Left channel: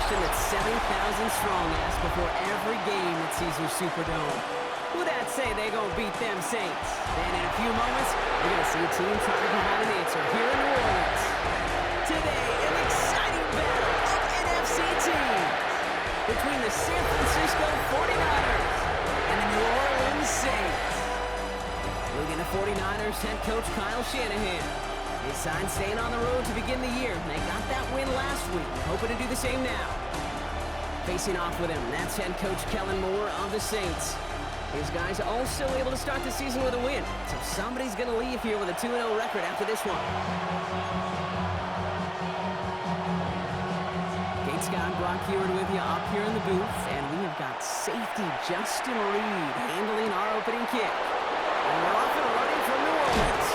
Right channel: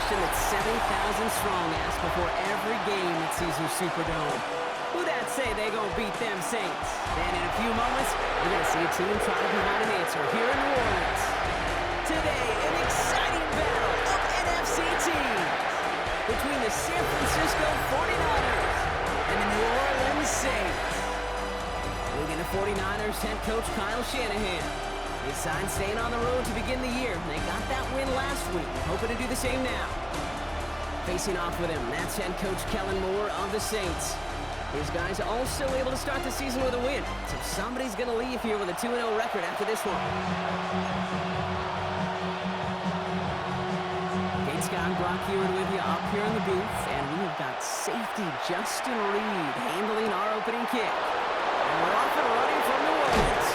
question that 70,000 strong ask before every game at Caesars Superdome. Who that say they gonna beat them Saints? Then in a few moments, we're gonna see a team try to provide an answer here in New Orleans. Today, an exciting battle of NFC teams between the San Francisco 49ers and the New Orleans Saints. Looking to 49ers head coach Kyle Shanahan. They signed staying on the road to begin the year. They got that win last week, hoping to do the same now. Facing off with him, that's head coach Kellen Moore of the Saints. His guys also able to start the season with a win, so somebody's going to leave here with a 2-0 record after this one. Kate Scott and Brock Heward with you up here in the booth, and we have got safety Justin Reed handling our opening kick. And we're off and running from New Orleans.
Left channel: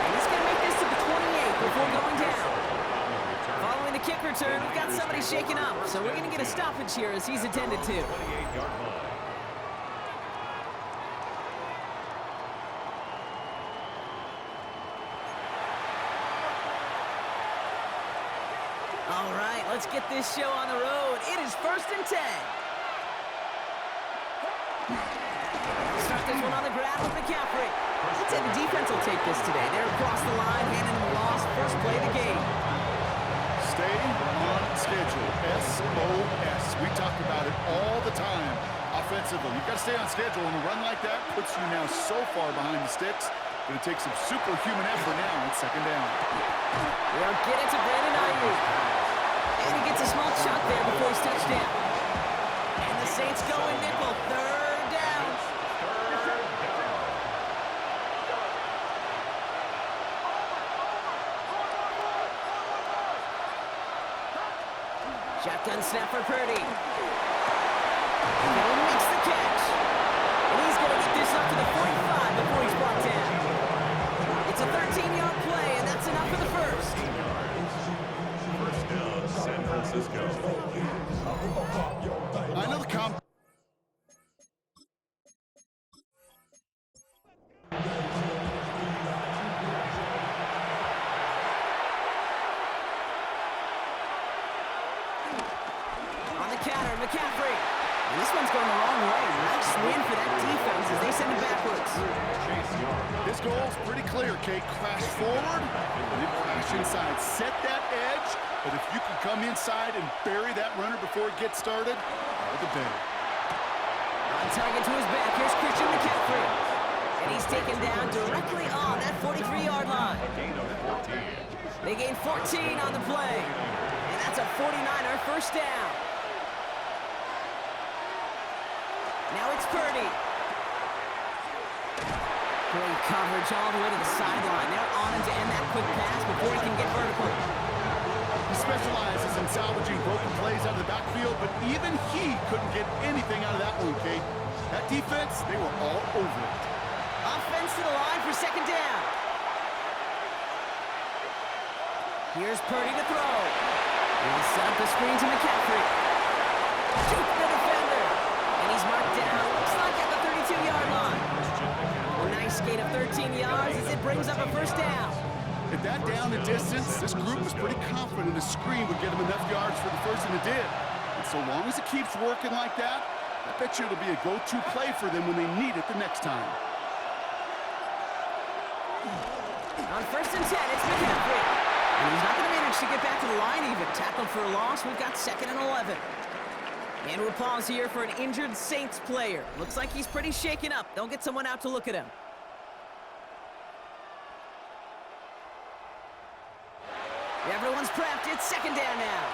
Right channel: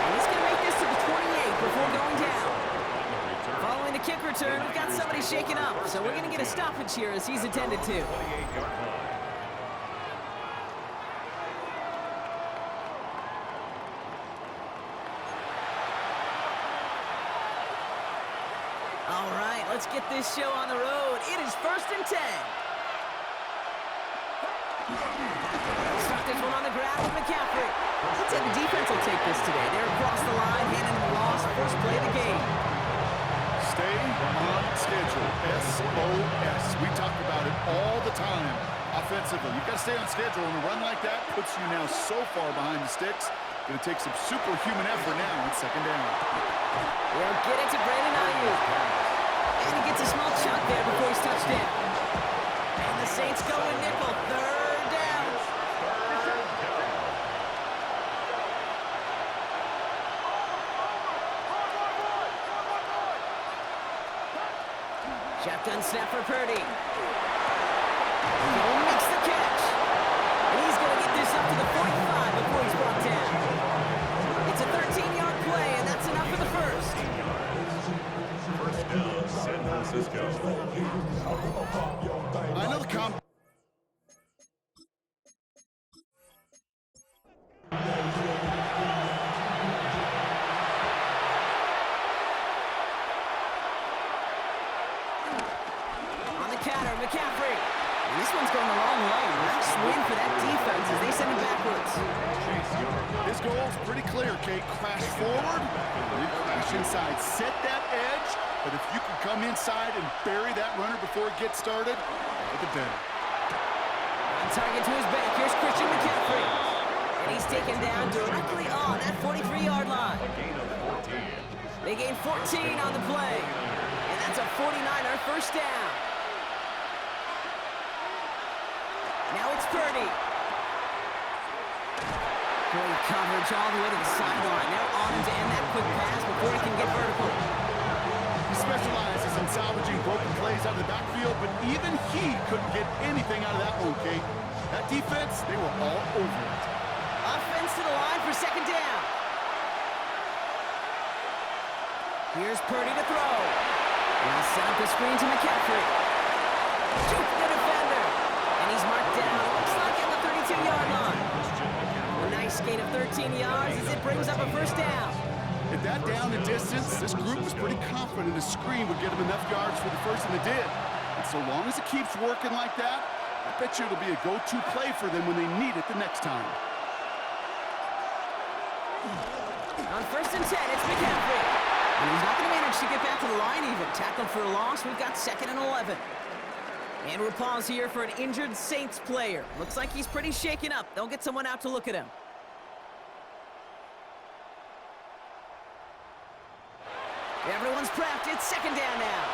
And he's going to make this to the 28 before going down. Following the kick return, we've got somebody shaken up, so we're going to get a stoppage here as he's attended to. All right, let's get this show on the road. It is 1st and 10. They'll start this one on the ground with McCaffrey. Let's say the defense will take this today. They're across the line, handing them a loss. First play of the game. Stay on schedule. SOS. We talk about it all the time offensively. You've got to stay on schedule, and a run like that puts you now so far behind the sticks. Going to take some superhuman effort now on 2nd down. They'll get it to Brandon Ayuk. And he gets a small chunk there before he's touched down. And the Saints go in nickel. 3rd down. Shotgun snap for Purdy. Kittle makes the catch. And he's going to get this up to the 45 before he's brought down. It's a 13-yard play, and that's enough for the first. First down, San Francisco. I know the comp. On the counter, McCaffrey. And this one's going the wrong way. Nice win for that defense as they send it backwards. His goal's pretty clear, Kate. Crash forward, then crash inside. Set that edge, but if you can come inside and bury that runner before it gets started, all the better. On target to his back, here's Christian McCaffrey. And he's taken down directly on that 43-yard line. They gain 14 on the play. And that's a 49er first down. Now it's Purdy. Great coverage all the way to the sideline. They're on him to end that quick pass before he can get vertical. He specializes in salvaging broken plays out of the backfield, but even he couldn't get anything out of that one, Kate. That defense, they were all over it. Offense to the line for 2nd down. Here's Purdy to throw. He'll set up the screen to McCaffrey. Juke the defender. And he's marked down, looks like at the 32-yard line. A nice gain of 13 yards as it brings up a first down. At that down and distance, this group was pretty confident a screen would get them enough yards for the first, and it did. And so long as it keeps working like that, I bet you it'll be a go-to play for them when they need it the next time. On 1st and 10, it's McCaffrey. And he's not going to manage to get back to the line even. Tackled for a loss. We've got 2nd and 11. And we'll pause here for an injured Saints player. Looks like he's pretty shaken up. They'll get someone out to look at him. Everyone's prepped. It's 2nd down now.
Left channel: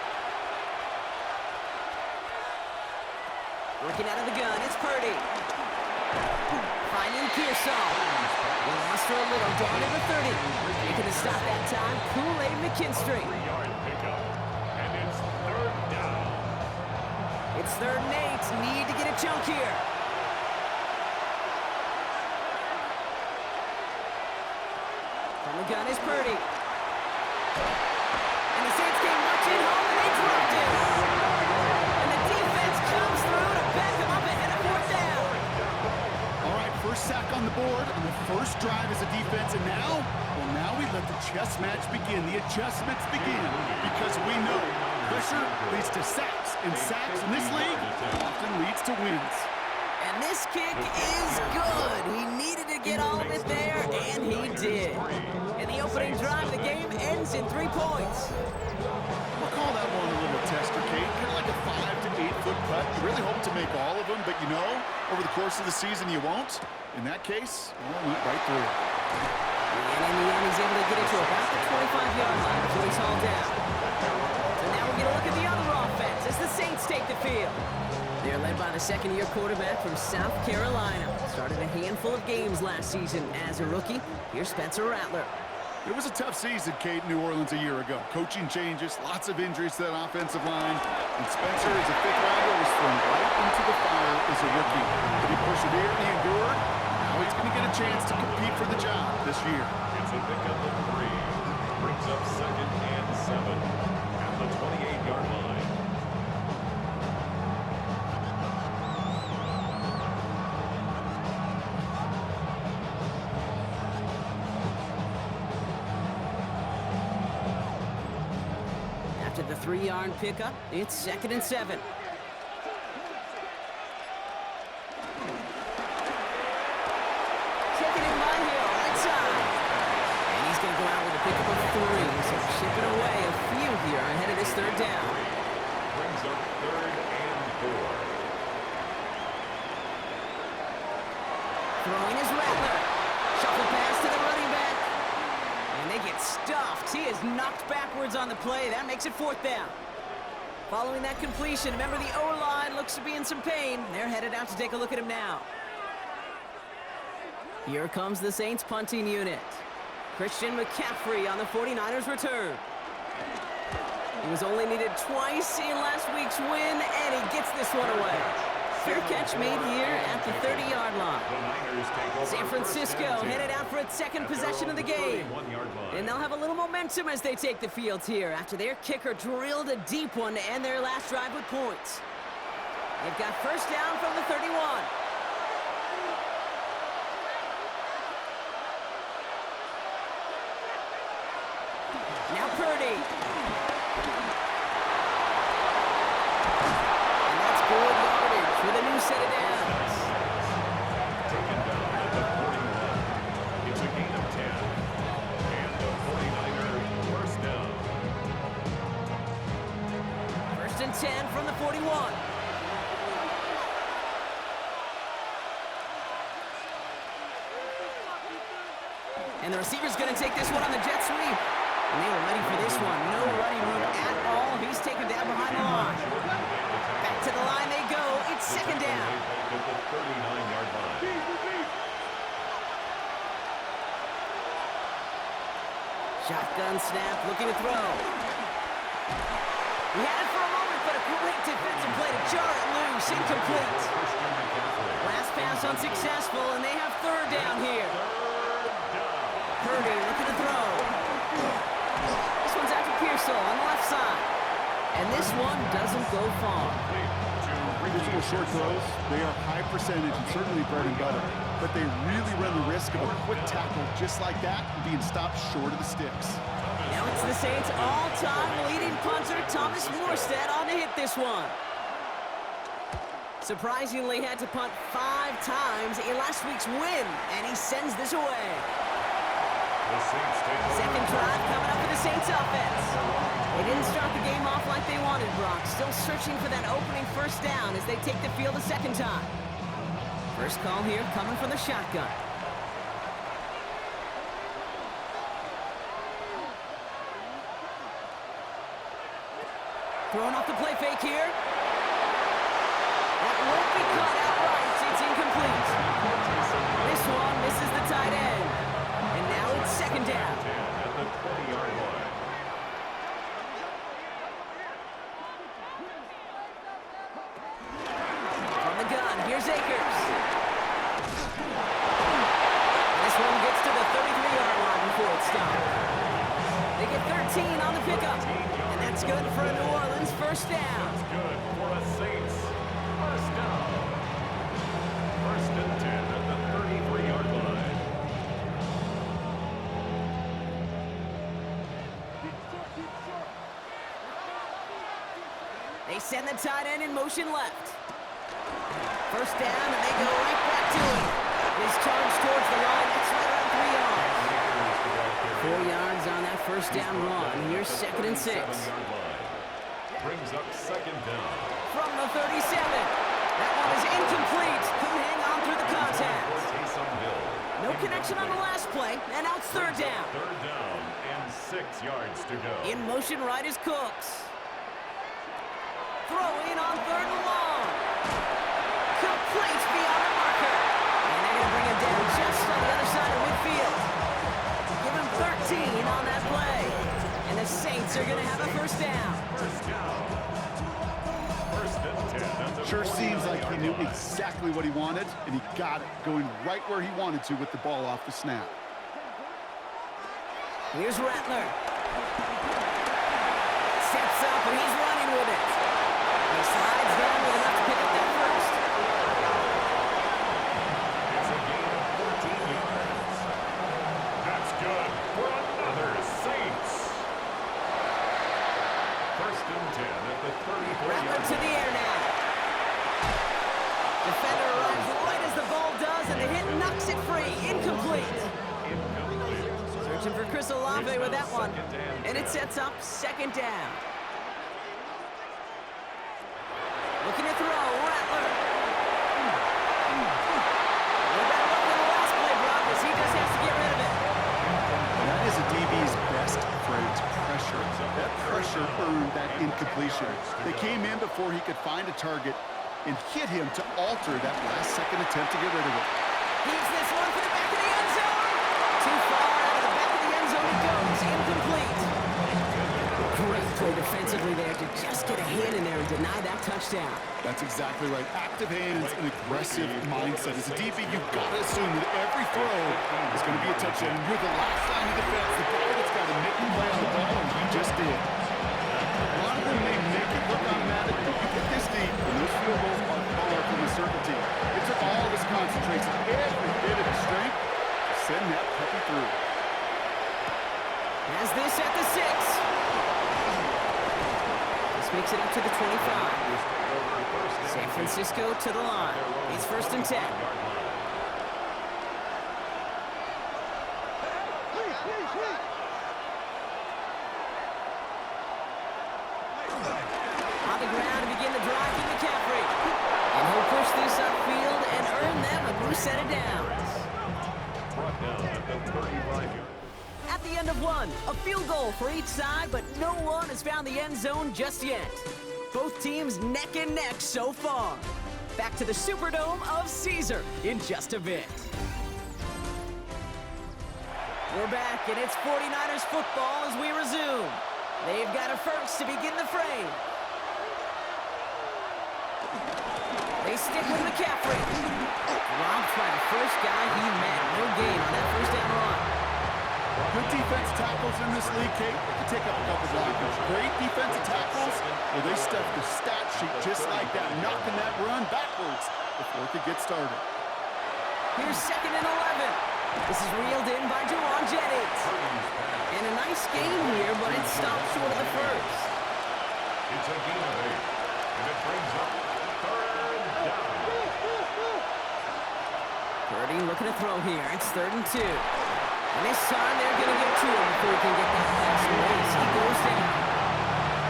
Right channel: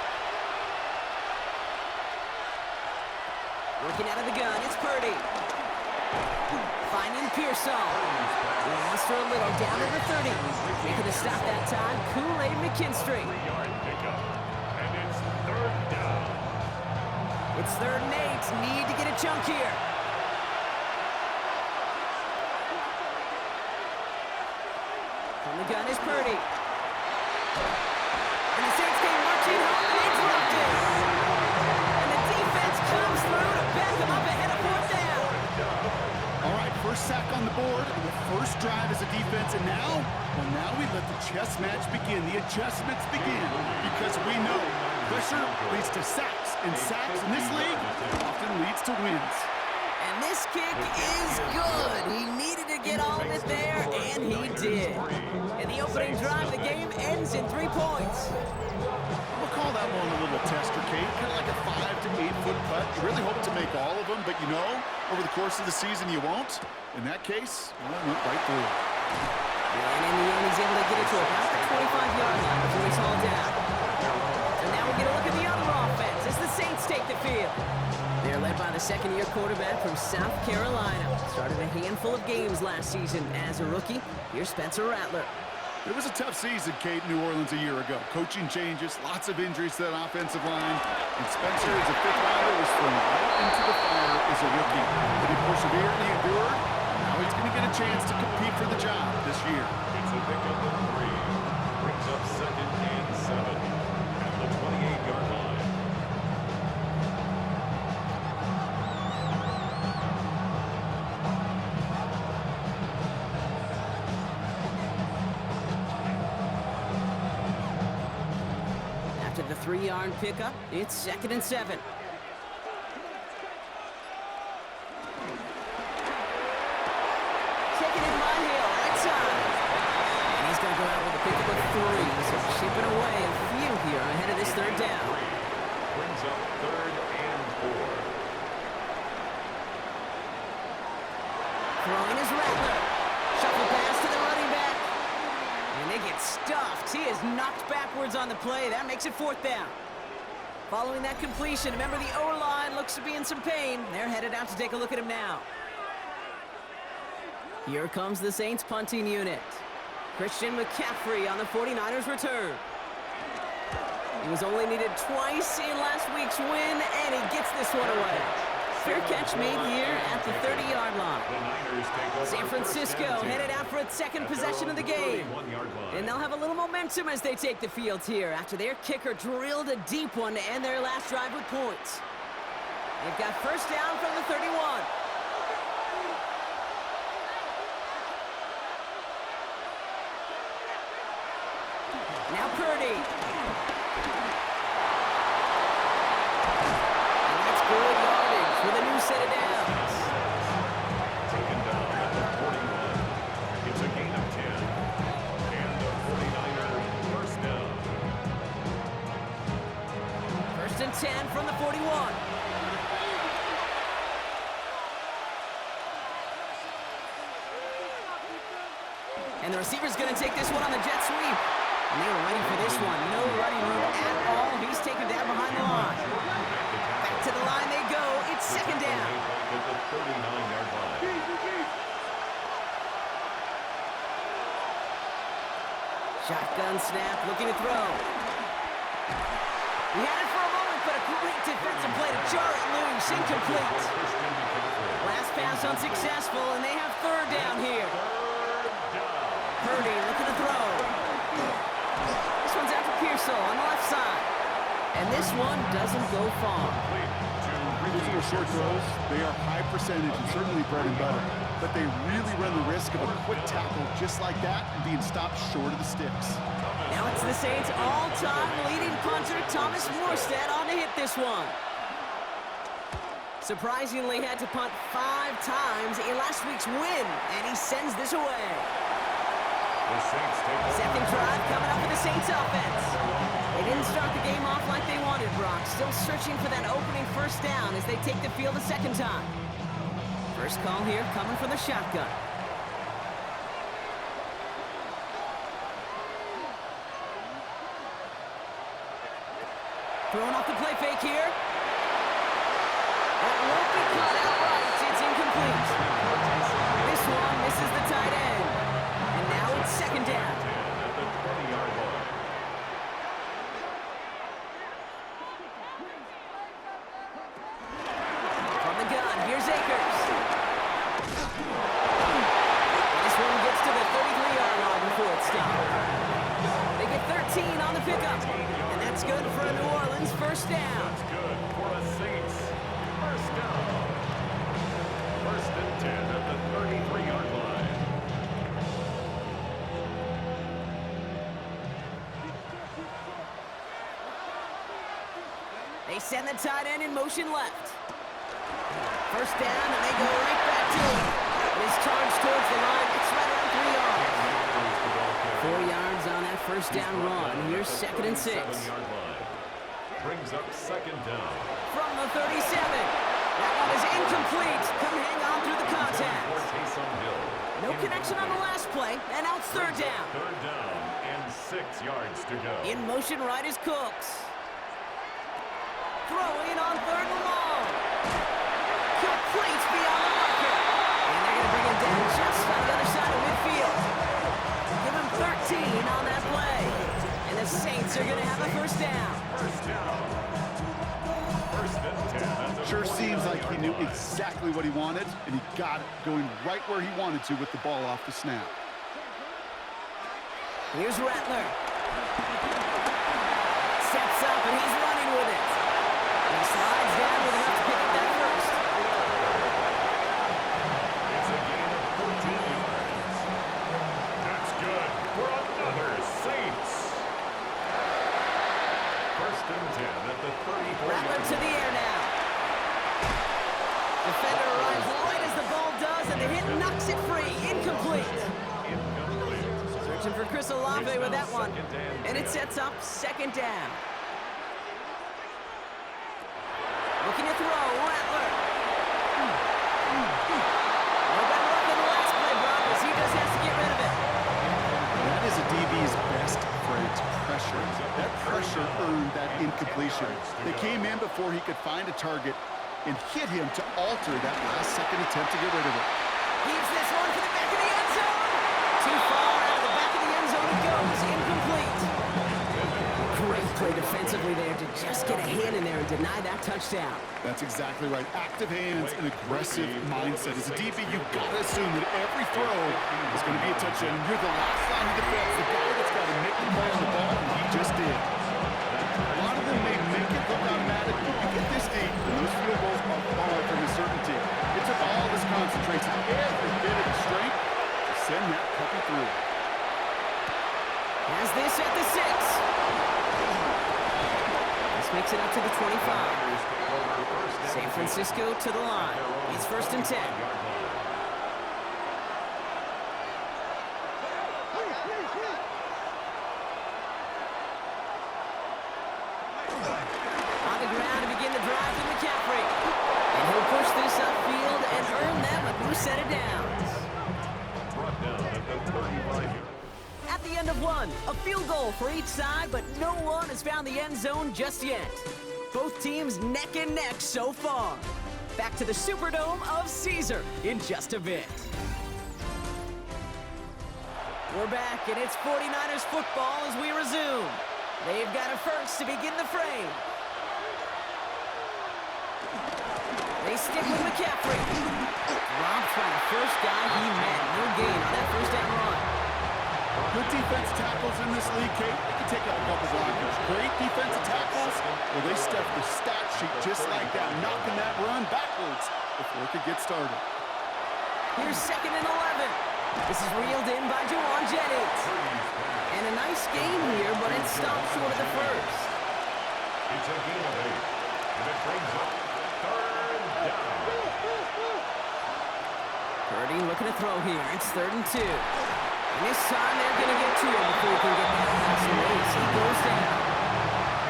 Working out of the gun. It's Purdy. Finding Pearsall. Will muster a little down to the 30. Making a stop that time. Kool-Aid McKinstry. 3-yard pickup. And it's 3rd down. It's 3rd and 8. Need to get a chunk here. From the gun is Purdy. And the Saints came marching home and they dropped it. And the defense comes through to back them up ahead of 4th down. All right, first sack on the board on the first drive as a defense, and now we let the chess match begin, the adjustments begin, because we know Pressure leads to sacks, and sacks in this league often leads to wins. And this kick is good. He needed to get all of it there, and he did. And the opening drive of the game ends in 3 points. I'm going to call that one a little tester, Kate. Kind of like a 5 to 8 foot putt. You really hope to make all of them, but you know, over the course of the season, you won't. In that case, well, it went right through. And in the end, he's able to get it to about the 25-yard line before he's hauled down. So now we get a look at the other offense as the Saints take the field. They're led by the second-year quarterback from South Carolina. Started a handful of games last season as a rookie. Here's Spencer Rattler. It was a tough season, Kate, in New Orleans a year ago. Coaching changes, lots of injuries to that offensive line. And Spencer, as a fifth-rounder, was thrown right into the fire as a rookie. But he persevered, he endured. Now he's going to get a chance to compete for the job this year. It's a pickup of 3. Brings up 2nd and 7 at the 28-yard line. After the 3-yard pickup, it's 2nd and 7. Taken in by Hill, right side. And he's going to go out with a pickup of 3, so chipping away a few here ahead of this 3rd down. Brings up 3rd and 4. Throwing is Rattler. Shuffle pass to the running back. And they get stuffed. He is knocked backwards on the play. That makes it 4th down. Following that completion, remember the O-line looks to be in some pain. They're headed out to take a look at him now. Here comes the Saints punting unit. Christian McCaffrey on the 49ers return. He was only needed twice in last week's win, and he gets this one away. Fair catch made here at the 30-yard line. San Francisco headed out for its second possession of the game. And they'll have a little momentum as they take the field here after their kicker drilled a deep one to end their last drive with points. They've got first down from the 31. Now Purdy. And that's good yardage with a new set of downs. Taken down at the 41. It's a gain of 10. And the 49er first down. 1st and 10 from the 41. And the receiver's going to take this one on the jet sweep. And they were ready for this one. No running room at all. He's taken down behind the line. Back to the line they go. It's 2nd down. Back at the 39-yard line. Shotgun snap, looking to throw. He had it for a moment, but a great defensive play to jar it loose. Incomplete. Last pass unsuccessful, and they have 3rd down here. Purdy looking to throw. This one's after Pearsall on the left side. And this one doesn't go far. Physical short throws, they are high percentage and certainly bread and butter. But they really run the risk of a quick tackle just like that and being stopped short of the sticks. Now it's the Saints' all-time leading punter, Thomas Morstead, on to hit this one. Surprisingly had to punt 5 times in last week's win, and he sends this away. Second drive coming up for the Saints offense. They didn't start the game off like they wanted, Brock. Still searching for that opening first down as they take the field a second time. First call here coming from the shotgun. Throwing off the play fake here. That won't be caught outright. It's incomplete. This one misses the tight end. And now it's 2nd down. At the 20-yard line. From the gun, here's Akers. And this one gets to the 33-yard line before it's stopped. They get 13 on the pickup. And that's good for a New Orleans first down. That's good for a Saints first down. 1st and 10 at the 33-yard line. They send the tight end in motion left. First down, and they go right back to it. His charge towards the line. It's right around 3 yards. 4 yards on that first down run. Here's 2nd and 6. Brings up 2nd down. From the 37. That one is incomplete. Couldn't hang on through the contact. No connection on the last play, and now it's 3rd down. 3rd down and 6 yards to go. In motion right is Cooks. Throwing on 3rd and long. Complete beyond the marker. And they're going to bring him down just on the other side of midfield. Give him 13 on that play. And the Saints are going to have a first down. First down. 1st and 10. Sure seems like he knew exactly what he wanted, and he got it, going right where he wanted to with the ball off the snap. Here's Rattler. Steps up, and he's running with it. And he slides down with enough to pick up that first. It's a gain of 14 yards. That's good for another Saints. 1st and 10 at the 34-yard line. Rattler to the air now. Defender arrives right as the ball does, and the hit knocks it free. Incomplete. Incomplete. Searching for Chris Olave with that one. And it sets up 2nd down. Looking to throw, Rattler. No better luck than the last play, Brock, as he just has to get rid of it. That is a DB's best friend, pressure. That pressure earned that incompletion. They came in before he could find a target and hit him to alter that last-second attempt to get rid of it. Heaves this one for the back of the end zone. Too far out of the back of the end zone it goes. Incomplete. Great play defensively there to just get a hand in there and deny that touchdown. That's exactly right. Active hands and aggressive mindset. As a DB, you've got to assume that every throw is going to be a touchdown. And you're the last line of defense, the guy that's got to make the play on the ball, and he just did. A lot of them may make it look automatic, but you get this deep, and those field goals are far from a certainty. It took all this concentration, every bit of his strength, to send that puppy through. Has this at the 6. This makes it up to the 25. San Francisco to the line. It's 1st and 10. On the ground to begin the drive with McCaffrey. And he'll push this upfield and earn them a new set of downs. Brought down at the 35-yard. At the end of one, a field goal for each side, but no one has found the end zone just yet. Both teams neck and neck so far. Back to the Superdome of Caesar in just a bit. We're back, and it's 49ers football as we resume. They've got a first to begin the frame. They stick with McCaffrey. Robbed by the first guy he met. No gain on that first down run. Good defense tackles in this league, Kate. They can take up a couple blockers. Great defensive tackles. Well, they stuff the stat sheet just like that, knocking that run backwards before it could get started. Here's 2nd and 11. This is reeled in by Jawan Jennings. And a nice game here, but it stopped short of the first. It's a gain of 8. And it brings up 3rd down. Purdy looking to throw here. It's 3rd and 2. And this time they're going to get to him before he can get that pass away. So he goes down.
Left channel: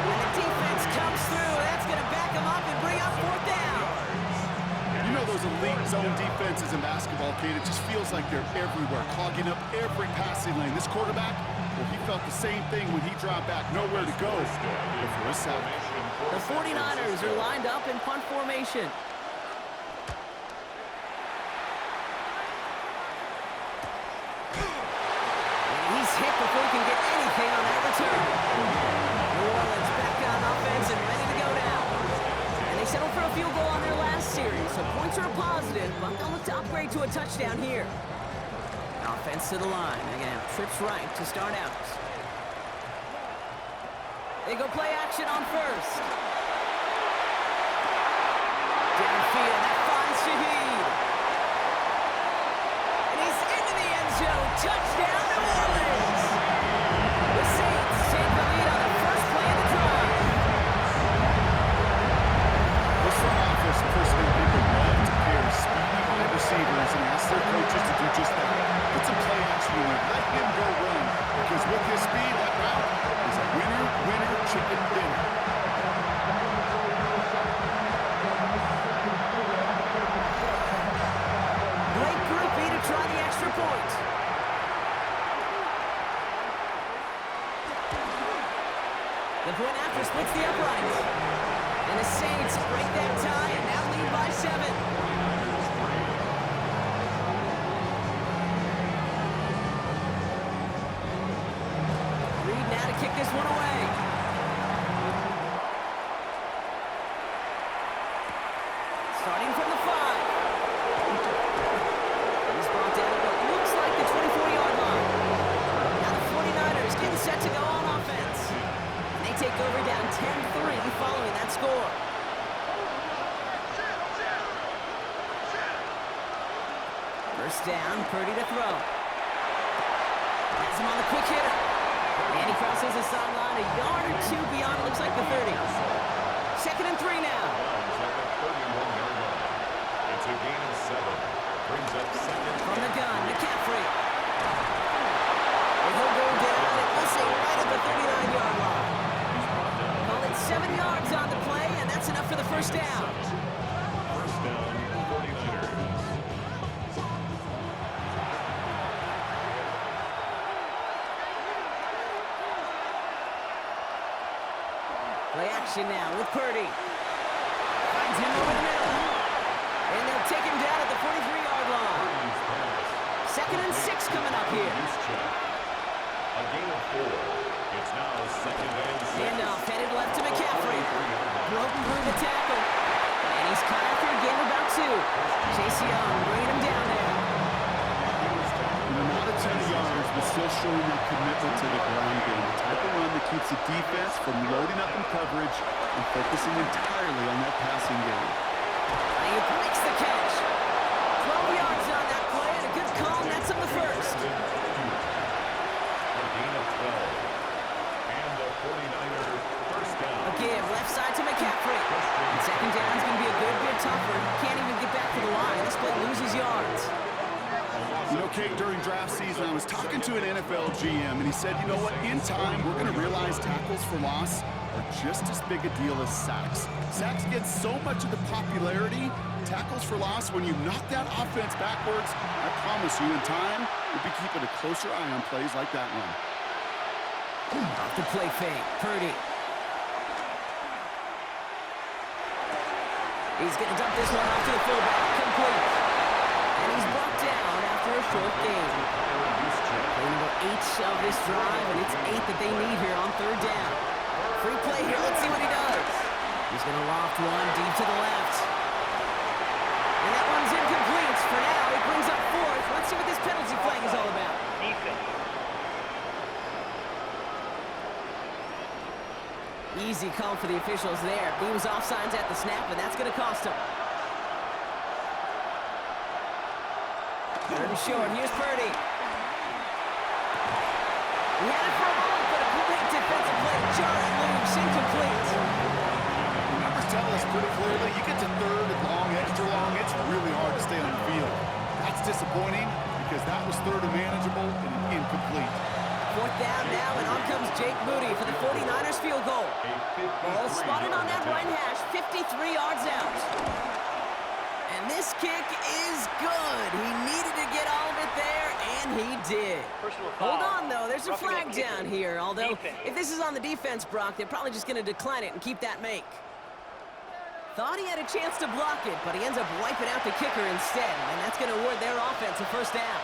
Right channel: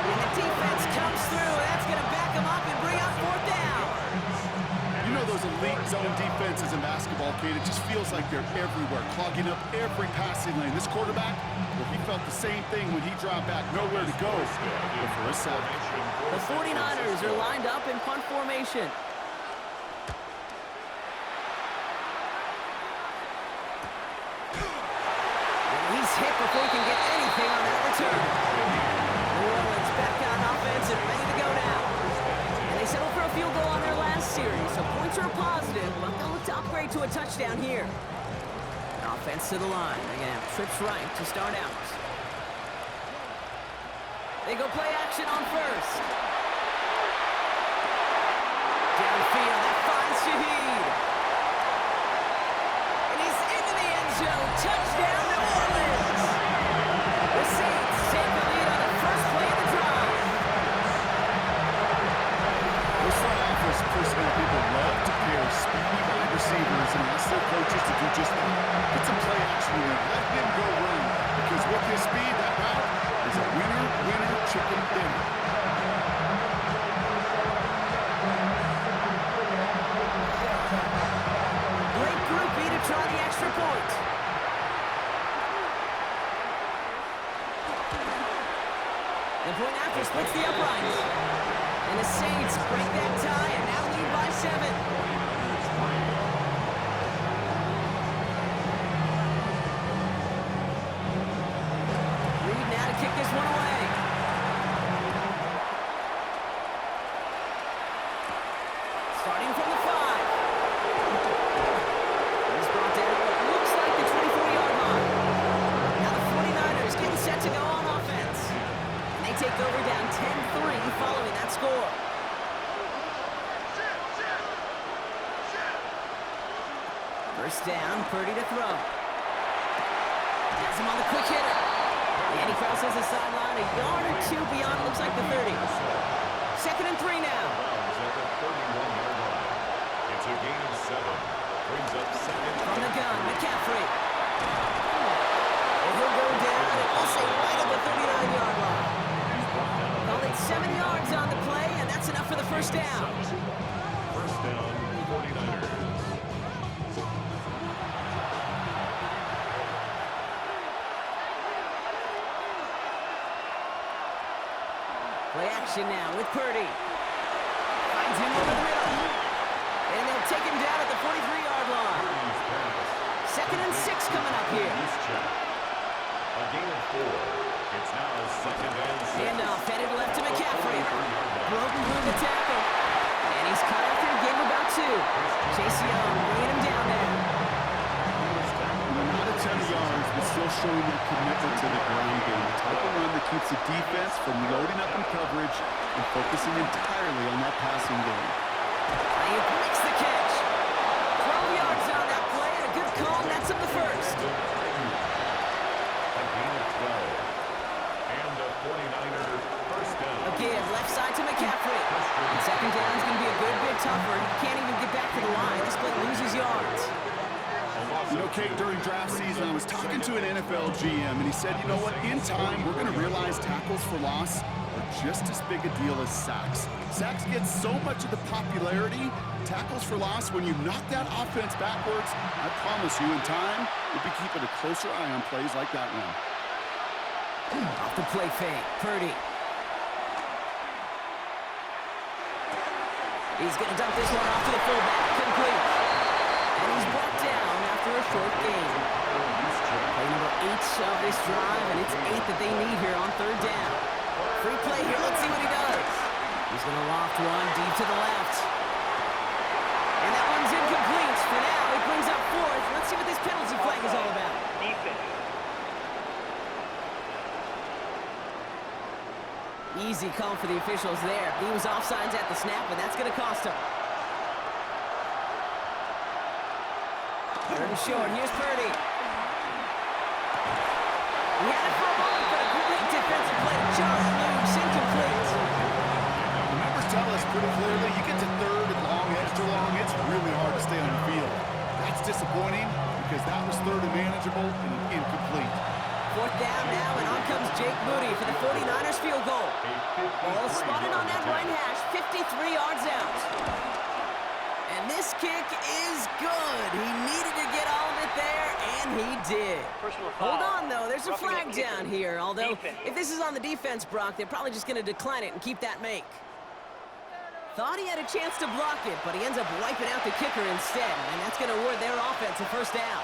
And the defense comes through. That's going to back him up and bring up 4th down. You know those elite zone defenses in basketball, Kate, it just feels like they're everywhere, clogging up every passing lane. This quarterback, well, he felt the same thing when he dropped back, nowhere to go but for a sack. The 49ers are lined up in punt formation. And he's hit before he can get anything on that return. New Orleans back on offense and ready to go now. And they settled for a field goal on their last series, so points are a positive, but they'll look to upgrade to a touchdown here. Offense to the line. They're going to have trips right to start out. They go play action on first. Downfield, that finds Shaheed. And he's into the end zone. Touchdown, New Orleans. The Saints take the lead on the first play of the drive. Chris, personnel people love to pair speedy wide receivers and ask their coaches to do just that. Get some play action in there. Let him go run. Because with his speed, that route is a winner, winner, chicken dinner. Great groupie to try the extra point. The point after splits the uprights. And the Saints break that tie and now lead by 7. 49ers 3. Reed now to kick this one away. Starting from the 5. He's brought down at what looks like the 24-yard line. Now the 49ers getting set to go on offense. And they take over down 10-3 following that score. First down, Purdy to throw. Has him on the quick hitter. And he crosses the sideline a yard or two beyond, looks like the 30. Second and 3 now. Browns at the 31-yard line. It's a gain of 7. Brings up second. From the gun, McCaffrey. And he'll go down, and we'll say right at the 39-yard line. He's brought down. Call it 7 yards on the play, and that's enough for the first down. First down, 49ers. Play action now with Purdy. Finds him over the middle. And they'll take him down at the 43-yard line. Purdy's pass. Second and 6 coming up here. A gain of 4. It's now second and 6. Handoff headed left to McCaffrey. Broken through the tackle. And he's caught after a gain of about 2. Chase Young bringing him down there. Not a ton of yards, but still showing that commitment to the ground game. The type of run that keeps the defense from loading up in coverage and focusing entirely on that passing game. Ayuk makes the catch. 12 yards on that play, and a good call nets him the first. A gain of 12. And a 49er first down. A give left side to McCaffrey. And second down is going to be a good bit tougher. He can't even get back to the line. This play loses yards. You know, Kate, during draft season, I was talking to an NFL GM, and he said, you know what, in time, we're going to realize tackles for loss are just as big a deal as sacks. Sacks get so much of the popularity. Tackles for loss, when you knock that offense backwards, I promise you, in time, we'll be keeping a closer eye on plays like that one. Off the play fake, Purdy. He's going to dump this one off to the fullback. Complete. And he's brought down after a short gain. Play number 8 of this drive, and it's 8 that they need here on third down. Free play here. Let's see what he does. He's going to loft one deep to the left. And that one's incomplete. For now, he brings up 4th. Let's see what this penalty flag is all about. Defense. Easy call for the officials there. He was offsides at the snap, and that's going to cost him. Third and short. Here's Purdy. He had it for a moment, but a great defensive play. Just loose, incomplete. The numbers tell us pretty clearly, you get to third and long, extra long, it's really hard to stay on the field. That's disappointing because that was third and manageable and an incomplete. Fourth down now, and on comes Jake Moody for the 49ers field goal. Ball spotted on that right hash, 53 yards out. And this kick is good. He needed to get all of it there, and he did. Hold on, though. There's a flag down here. Although, if this is on the defense, Brock, they're probably just going to decline it and keep that make. Thought he had a chance to block it, but he ends up wiping out the kicker instead, and that's going to award their offense a first down.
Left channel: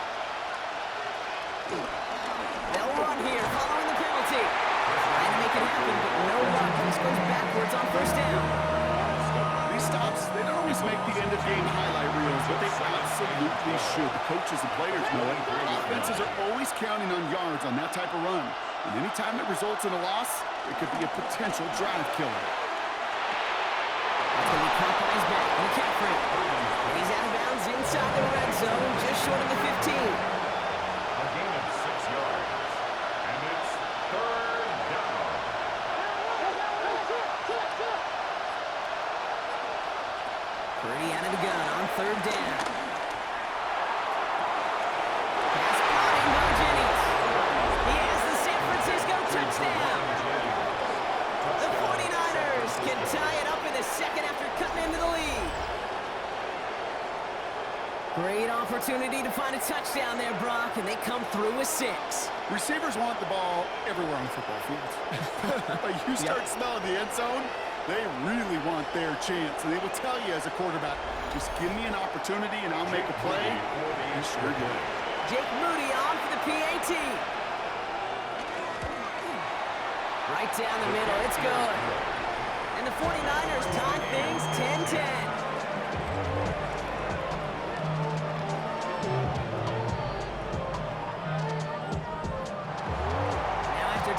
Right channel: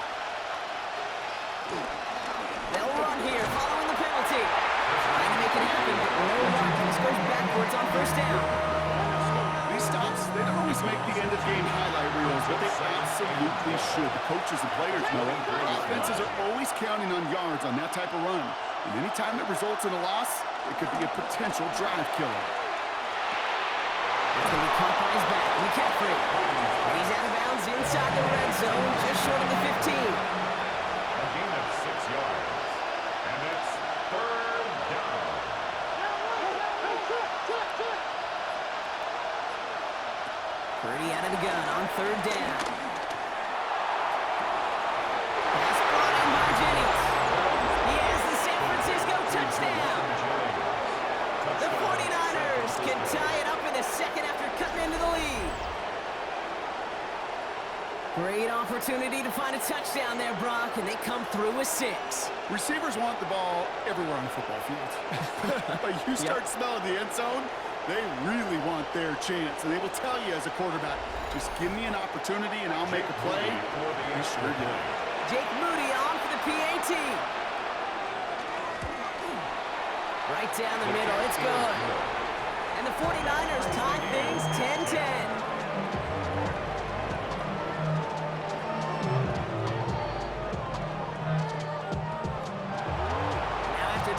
They'll run here following the penalty. Trying to make it happen, but no luck. This goes backwards on first down. These stops, they don't always make the end-of-game highlight reels, but they absolutely should. The coaches and players know it. Offenses are always counting on yards on that type of run. And any time that results in a loss, it could be a potential drive killer. That's going to be caught by his back, McCaffrey. And he's out of bounds inside the red zone, just short of the 15. A gain of 6 yards. And it's third down. Purdy out of the gun on third down. Pass brought in by Jennings. He has the San Francisco touchdown. The 49ers can tie it up in the second after cutting into the lead. Great opportunity to find a touchdown there, Brock, and they come through with 6. Receivers want the ball everywhere on the football field. But you start smelling the end zone, they really want their chance. And they will tell you as a quarterback, just give me an opportunity and I'll make a play. He sure did. Jake Moody on for the PAT. Right down the middle, it's good. And the 49ers tie things 10-10.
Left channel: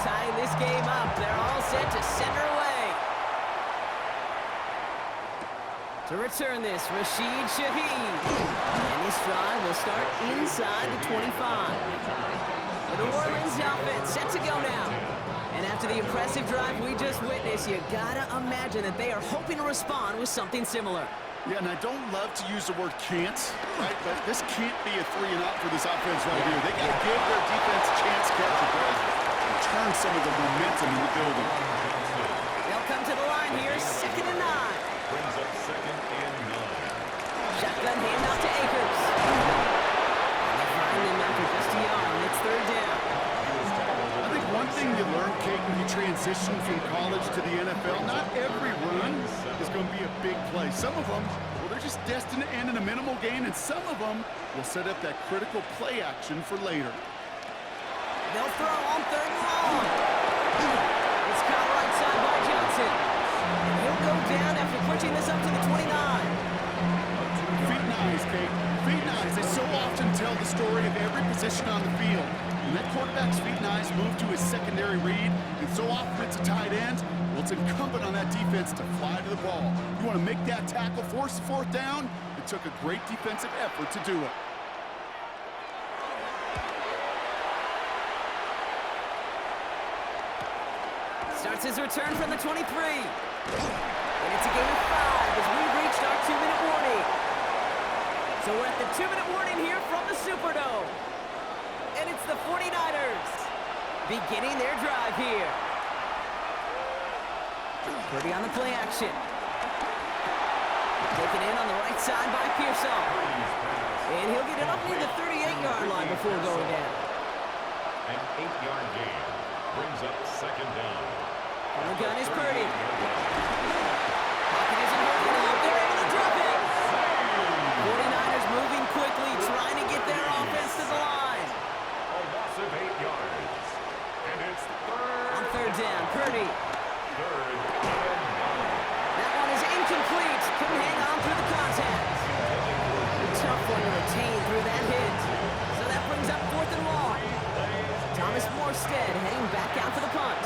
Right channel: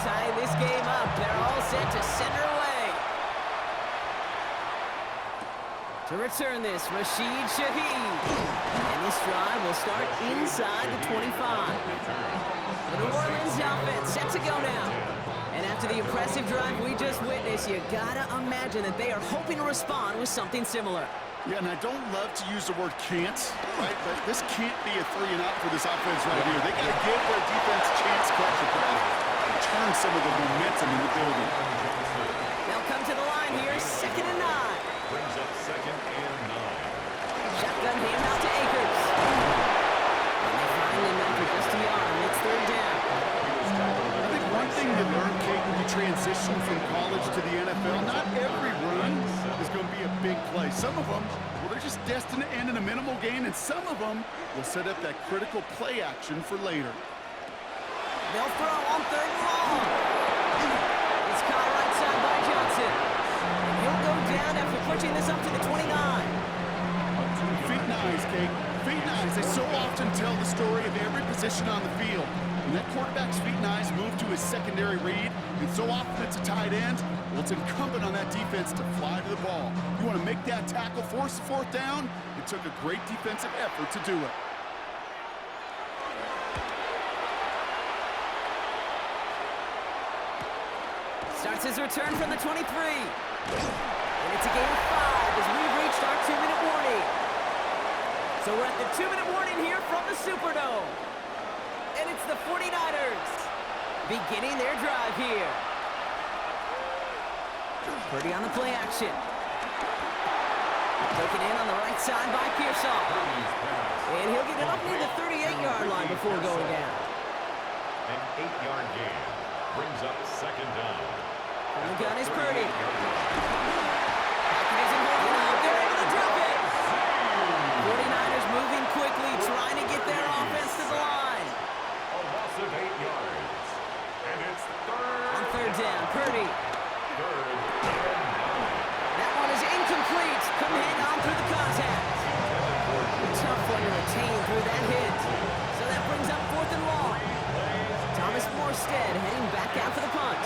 Tying this game up, they're all set to center away. To return this, Rashid Shaheed. And this drive will start inside the 25. The New Orleans offense set to go now. And after the impressive drive we just witnessed, you gotta imagine that they are hoping to respond with something similar. Yeah, and I don't love to use the word can't, right? But this can't be a 3-and-out for this offense right here. They got to give their defense a chance to catch a breath. Turn some of the momentum in the building. They'll come to the line here, 2nd and 9. Brings up 2nd and 9. Shotgun handoff to Akers. And they find him after just a yard, and it's 3rd down. I think one thing you learn, Kate, when you transition from college to the NFL, not every run is going to be a big play. Some of them, well, they're just destined to end in a minimal gain, and some of them will set up that critical play action for later. They'll throw on 3rd and long. It's caught right side by Johnson. And he'll go down after pushing this up to the 29. Feet nice, Kate. Feet nice. They so often tell the story of every position on the field. When that quarterback's feet nice move to his secondary read, and so often it's a tight end, well, it's incumbent on that defense to fly to the ball. You want to make that tackle, force the 4th down? It took a great defensive effort to do it. Starts his return from the 23. And it's a gain of 5 as we've reached our 2-minute warning. So we're at the 2-minute warning here from the Superdome. And it's the 49ers beginning their drive here. Purdy on the play action. Taken in on the right side by Pearsall. And he'll get it up near the 38-yard line before going down. An 8-yard gain brings up 2nd down. On the gun is Purdy. Pocket isn't holding up. They're able to drop it. 49ers moving quickly, trying to get their offense to the line. A loss of 8 yards. And it's 3rd. On 3rd down, Purdy. 3rd and 9. That one is incomplete. Couldn't hang on through the contact. Tough one to retain through that hit. So that brings up 4th and long. Thomas Morstead heading back out for the punt.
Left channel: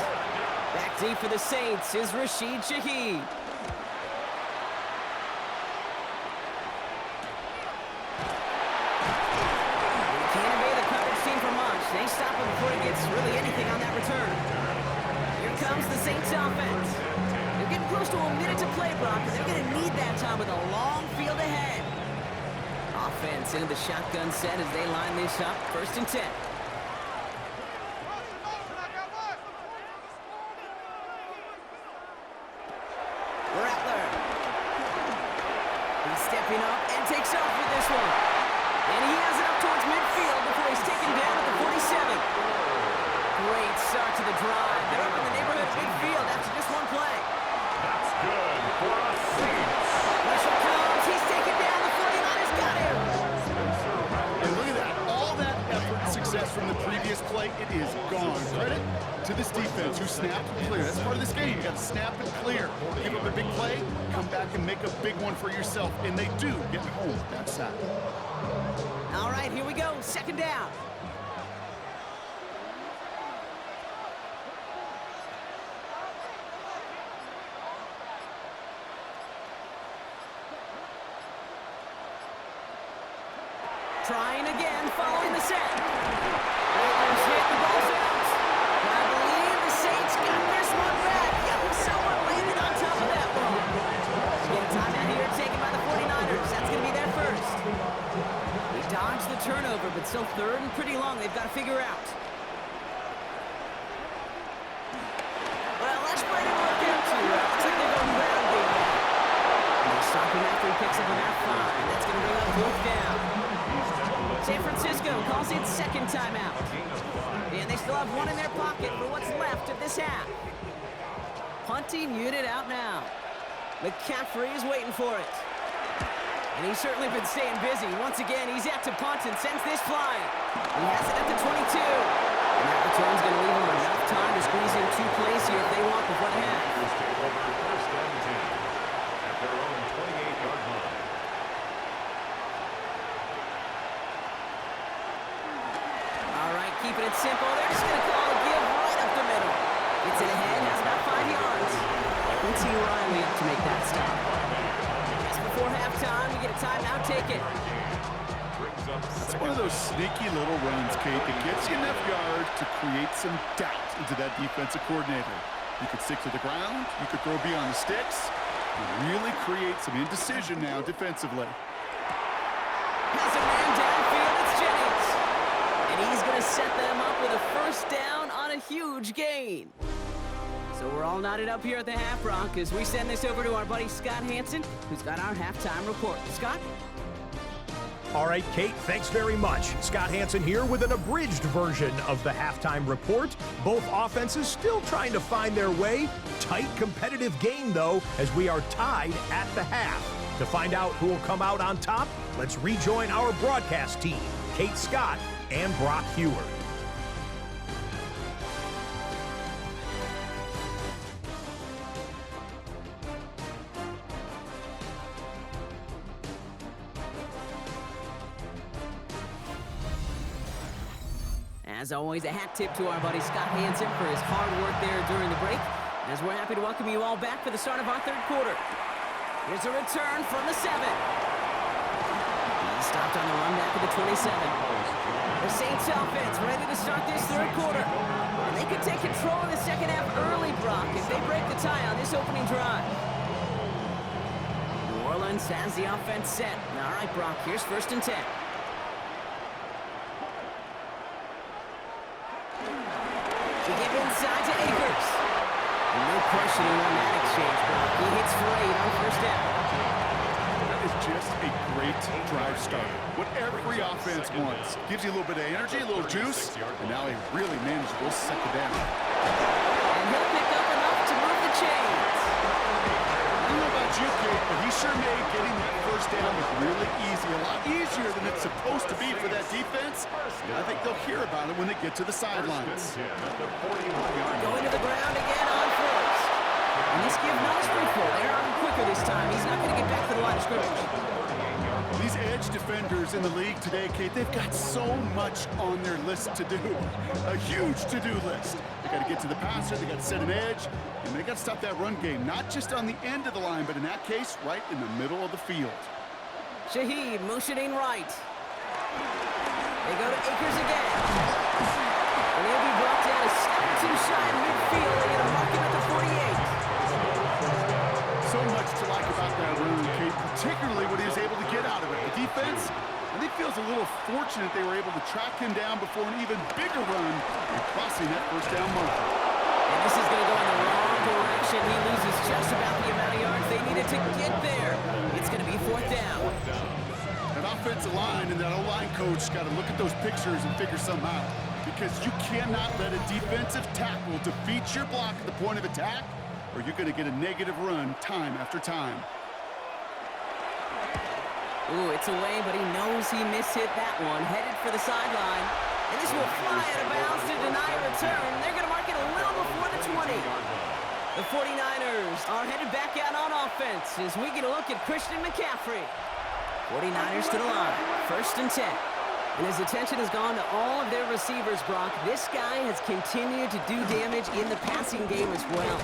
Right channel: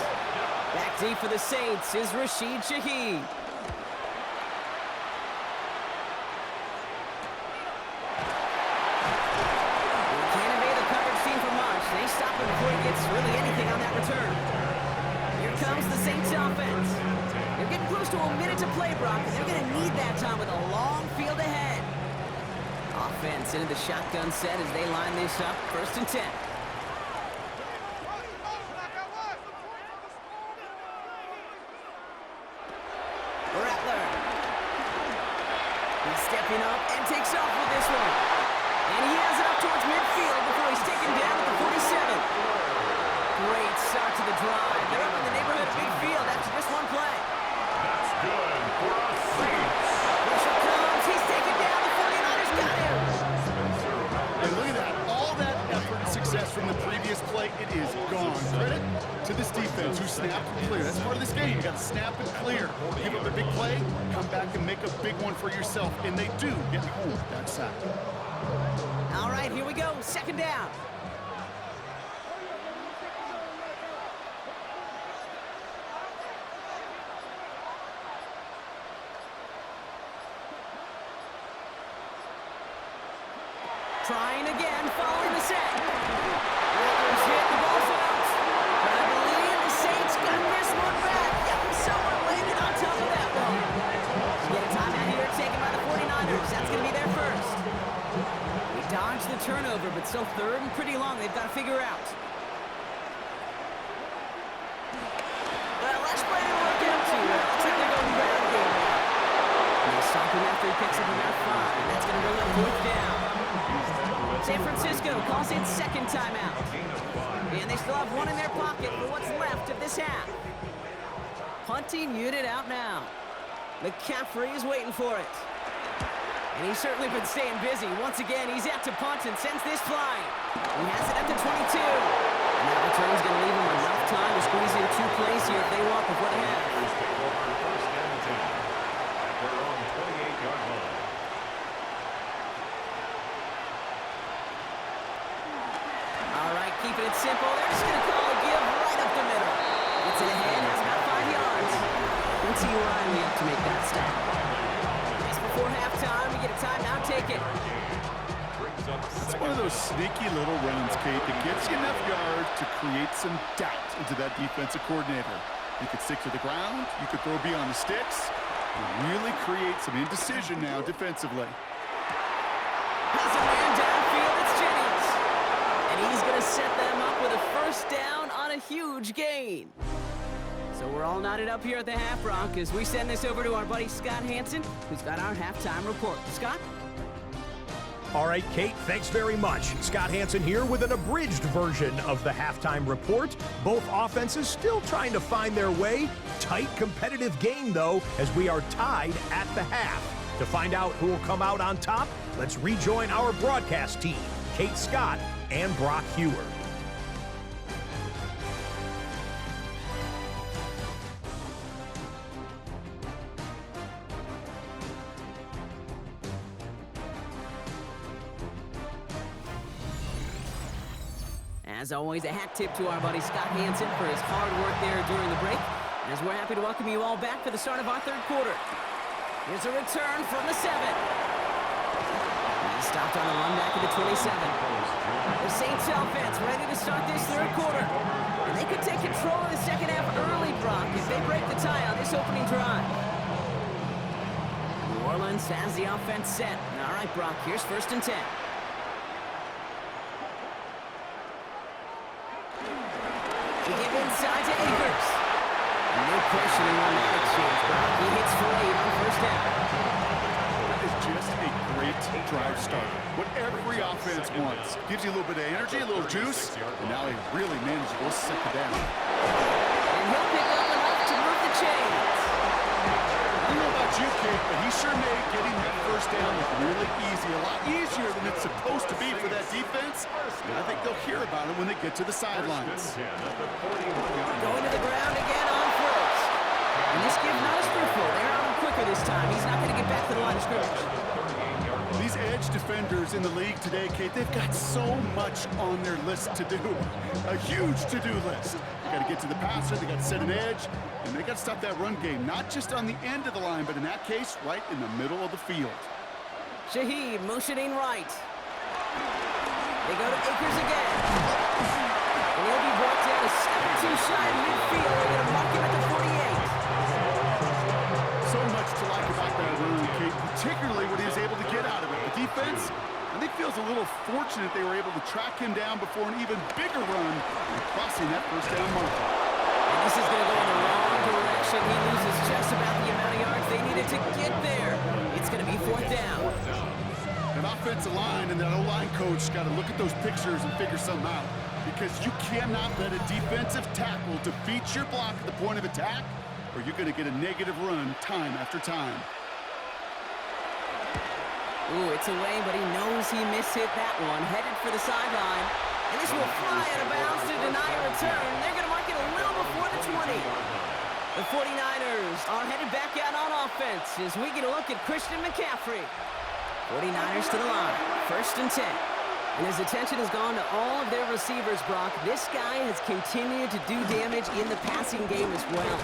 Back deep for the Saints is Rashid Shaheed. He can't evade the coverage team for much. They stop him before he gets really anything on that return. Here comes the Saints offense. They're getting close to a minute to play, Brock, and they're going to need that time with a long field ahead. Offense into the shotgun set as they line this up. 1st and 10. Rattler. He's stepping up and takes off with this one. And he has it up towards midfield before he's taken down at the 47. Great start to the drive. They're up in the neighborhood of midfield after just one play. That's good for us Saints. Pressure comes. He's taken down. The 49ers got him. And look at that. All that effort and success from the previous play, it is gone. Credit to this defense who snapped and clear. That's part of this game. You got to snap and clear. Give up a big play, come back and make a big one for yourself. And they do get home with that sack. All right, here we go. 2nd down. Trying again, following the set. Rattlers hit, the ball's out. But I believe the Saints got this one back. Yep, someone landed on top of that one. Get a timeout here taken by the 49ers. turnover, but still third and pretty long they've got to figure out. Well, last play didn't work out too well. Looks like they're going ground game now. And they stop him after he picks up about 5. That's going to bring up 4th down. San Francisco calls in second timeout. And they still have 1 in their pocket for what's left of this half. Punting unit out now. McCaffrey is waiting for it. And he's certainly been staying busy. Once again, he's out to punt and sends this flying. He has it at the 22. And that return's going to leave him enough time to squeeze in 2 plays here if they want before the half. Take over 1st and 10 at their own 28-yard line. All right, keeping it simple. They're just going to call a give right up the middle. Gets it ahead, has about 5 yards. Quincy Riley up to make that stop. Just before halftime, we get a timeout, take it. It's one of those sneaky little runs, Kate, that gets you enough yards to create some doubt into that defensive coordinator. You could stick to the ground, you could throw beyond the sticks, and really create some indecision now defensively. Has a man downfield, it's Jennings. And he's going to set them up with a 1st down on a huge gain. So we're all knotted up here at the half, Brock, as we send this over to our buddy Scott Hansen, who's got our halftime report. Scott? All right, Kate, thanks very much. Scott Hansen here with an abridged version of the halftime report. Both offenses still trying to find their way. Tight, competitive game, though, as we are tied at the half. To find out who will come out on top, let's rejoin our broadcast team, Kate Scott and Brock Heward. As always, a hat tip to our buddy Scott Hansen for his hard work there during the break. As we're happy to welcome you all back for the start of our 3rd quarter. Here's a return from the 7. He stopped on the run back at the 27. The Saints offense ready to start this 3rd quarter. And they could take control of the 2nd half early, Brock, if they break the tie on this opening drive. New Orleans has the offense set. All right, Brock, here's 1st and 10. We give inside to Akers. No questioning on that exchange, Brock. He hits for 8 on 1st down. That is just a great drive starter. What every offense wants. Gives you a little bit of energy, a little juice, and now a really manageable 2nd down. And he'll pick up enough to move the chains. I don't know about you, Kate, but he sure made getting that 1st down look really easy. A lot easier than it's supposed to be for that defense. And I think they'll hear about it when they get to the sidelines. Going to the ground again on 1st. And this give not as fruitful. They're on him quicker this time. He's not going to get back to the line of scrimmage. These edge defenders in the league today, Kate, they've got so much on their list to do. A huge to-do list. They got to get to the passer, they got to set an edge, and they got to stop that run game, not just on the end of the line, but in that case, right in the middle of the field. Shaheed motioning right. They go to Akers again. And he'll be brought down a step or 2 shy in midfield. They're going to mark him at the 48. So much to like about that run, Kate, particularly what he was able to get out of it. The defense, I think, feels a little fortunate they were able to track him down before an even bigger run and crossing that 1st down marker. And this is going to go in the wrong direction. He loses just about the amount of yards they needed to get there. It's going to be 4th down. That offensive line and that O-line coach got to look at those pictures and figure something out, because you cannot let a defensive tackle defeat your block at the point of attack, or you're going to get a negative run time after time. Ooh, it's away, but he knows he mishit that one. Headed for the sideline. And this will fly out of bounds to deny a return. They're going to mark it a little before the 20. The 49ers are headed back out on offense as we get a look at Christian McCaffrey. 49ers to the line. 1st and 10. And his attention has gone to all of their receivers, Brock. This guy has continued to do damage in the passing game as well.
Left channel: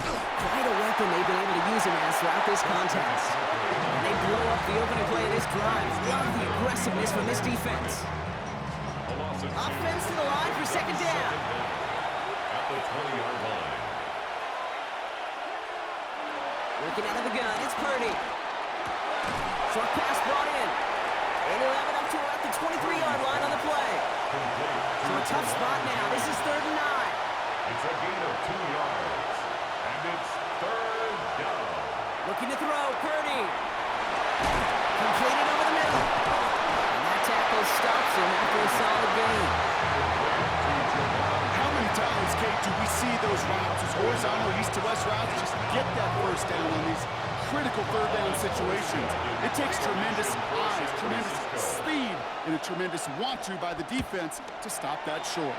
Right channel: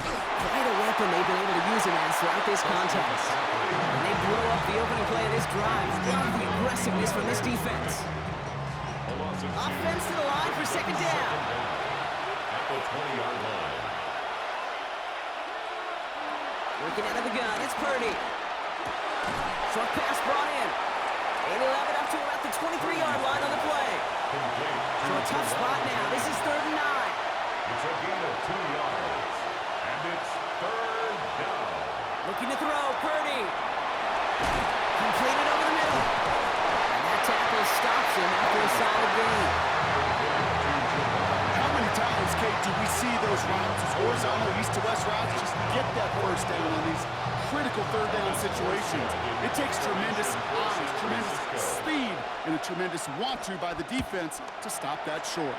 Quite a weapon they've been able to use him as throughout this contest. And they blow up the opening play of this drive. Love the aggressiveness from this defense. Offense to the line for 2nd down. At the 20-yard line. Working out of the gun, it's Purdy. Short pass brought in. And he'll have it up to about the 23-yard line on the play. So a tough spot now. This is 3rd and 9. It's a gain of 2 yards. And it's 3rd down. Looking to throw, Purdy. Completed over the middle. And that tackle stops him after a solid gain. How many times, Kate, do we see those routes, those horizontal east-to-west routes, just get that first down on these critical 3rd down situations? It takes tremendous eyes, tremendous speed, and a tremendous want-to by the defense to stop that short.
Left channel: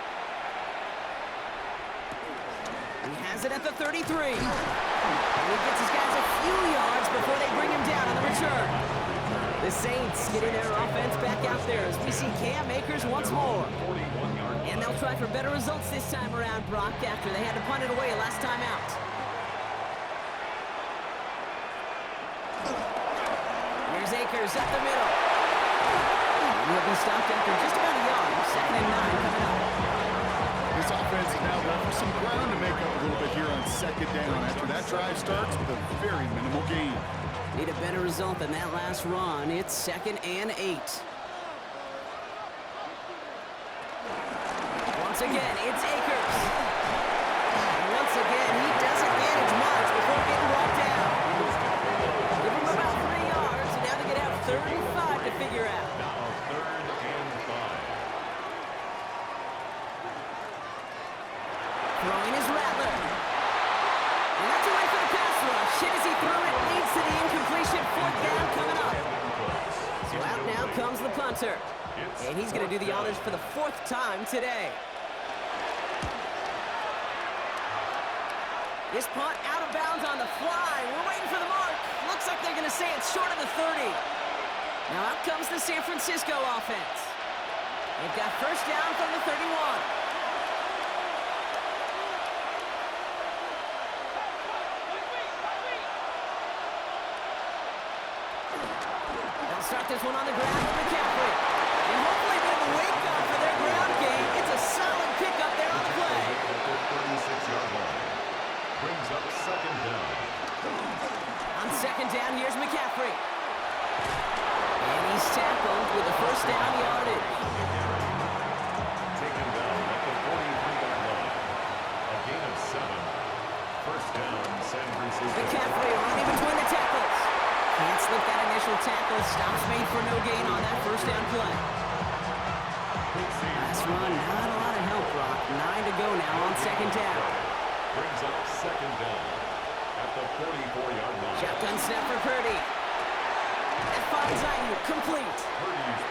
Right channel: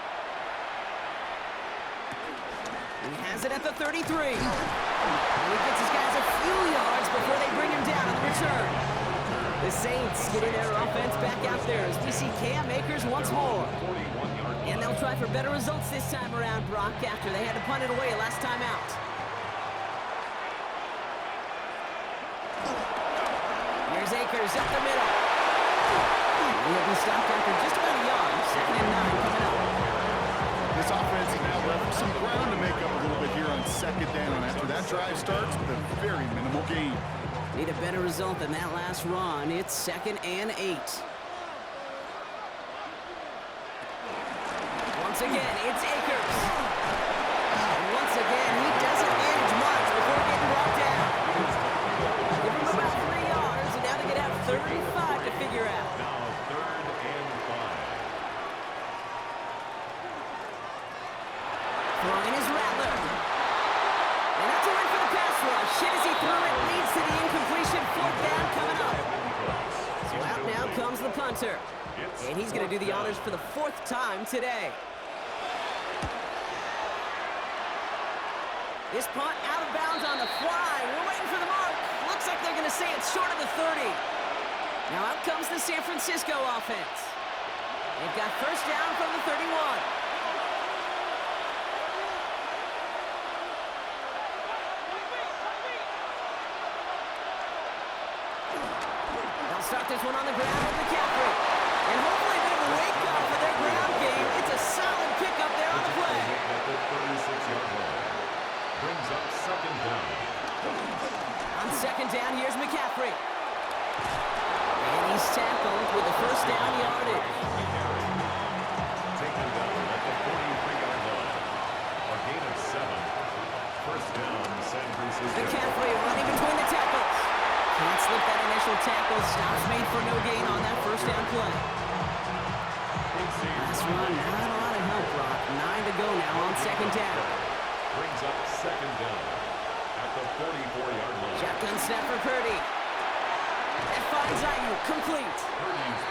He has it at the 33. And he gets his guys a few yards before they bring him down on the return. The Saints getting their offense back out there as we see Cam Akers once more. And they'll try for better results this time around, Brock, after they had to punt it away last time out. Here's Akers up the middle. And he'll be stopped after just about a yard. 2nd and 9 coming up. This offense is now left with some ground to make up a little bit here on 2nd down after that drive starts with a very minimal gain. Need a better result than that last run. It's 2nd and 8. Once again, it's Akers. And once again, he doesn't manage much before getting brought down. Give him about 3 yards, and now they can have 3rd and 5 to figure out. Now 3rd and 5. Throwing his Rattler. And that's a win for the pass rush. Hit as he threw it, leads to the incompletion. 4th down coming up. So out now comes the punter. And he's going to do the honors for the 4th time today. This punt out of bounds on the fly. We're waiting for the mark. Looks like they're going to say it's short of the 30. Now out comes the San Francisco offense. They've got 1st down from the 31. They'll start this one on the ground with McCaffrey. And hopefully a bit of a wake-up for their ground game. It's a solid pickup there on the play. At the 36-yard line. Brings up 2nd down. On 2nd down, here's McCaffrey. And he's tackled with the 1st down yardage. Taken down at the 43-yard line. A gain of 7. 1st down, San Francisco. McCaffrey running between the tackles. Can't slip that initial tackle. Stops made for no gain on that 1st down play. Last run, not a lot of help, Brock. 9 to go now on 2nd down. Brings up 2nd down at the 44-yard line. Shotgun snap for Purdy. That finds Ayuk, complete.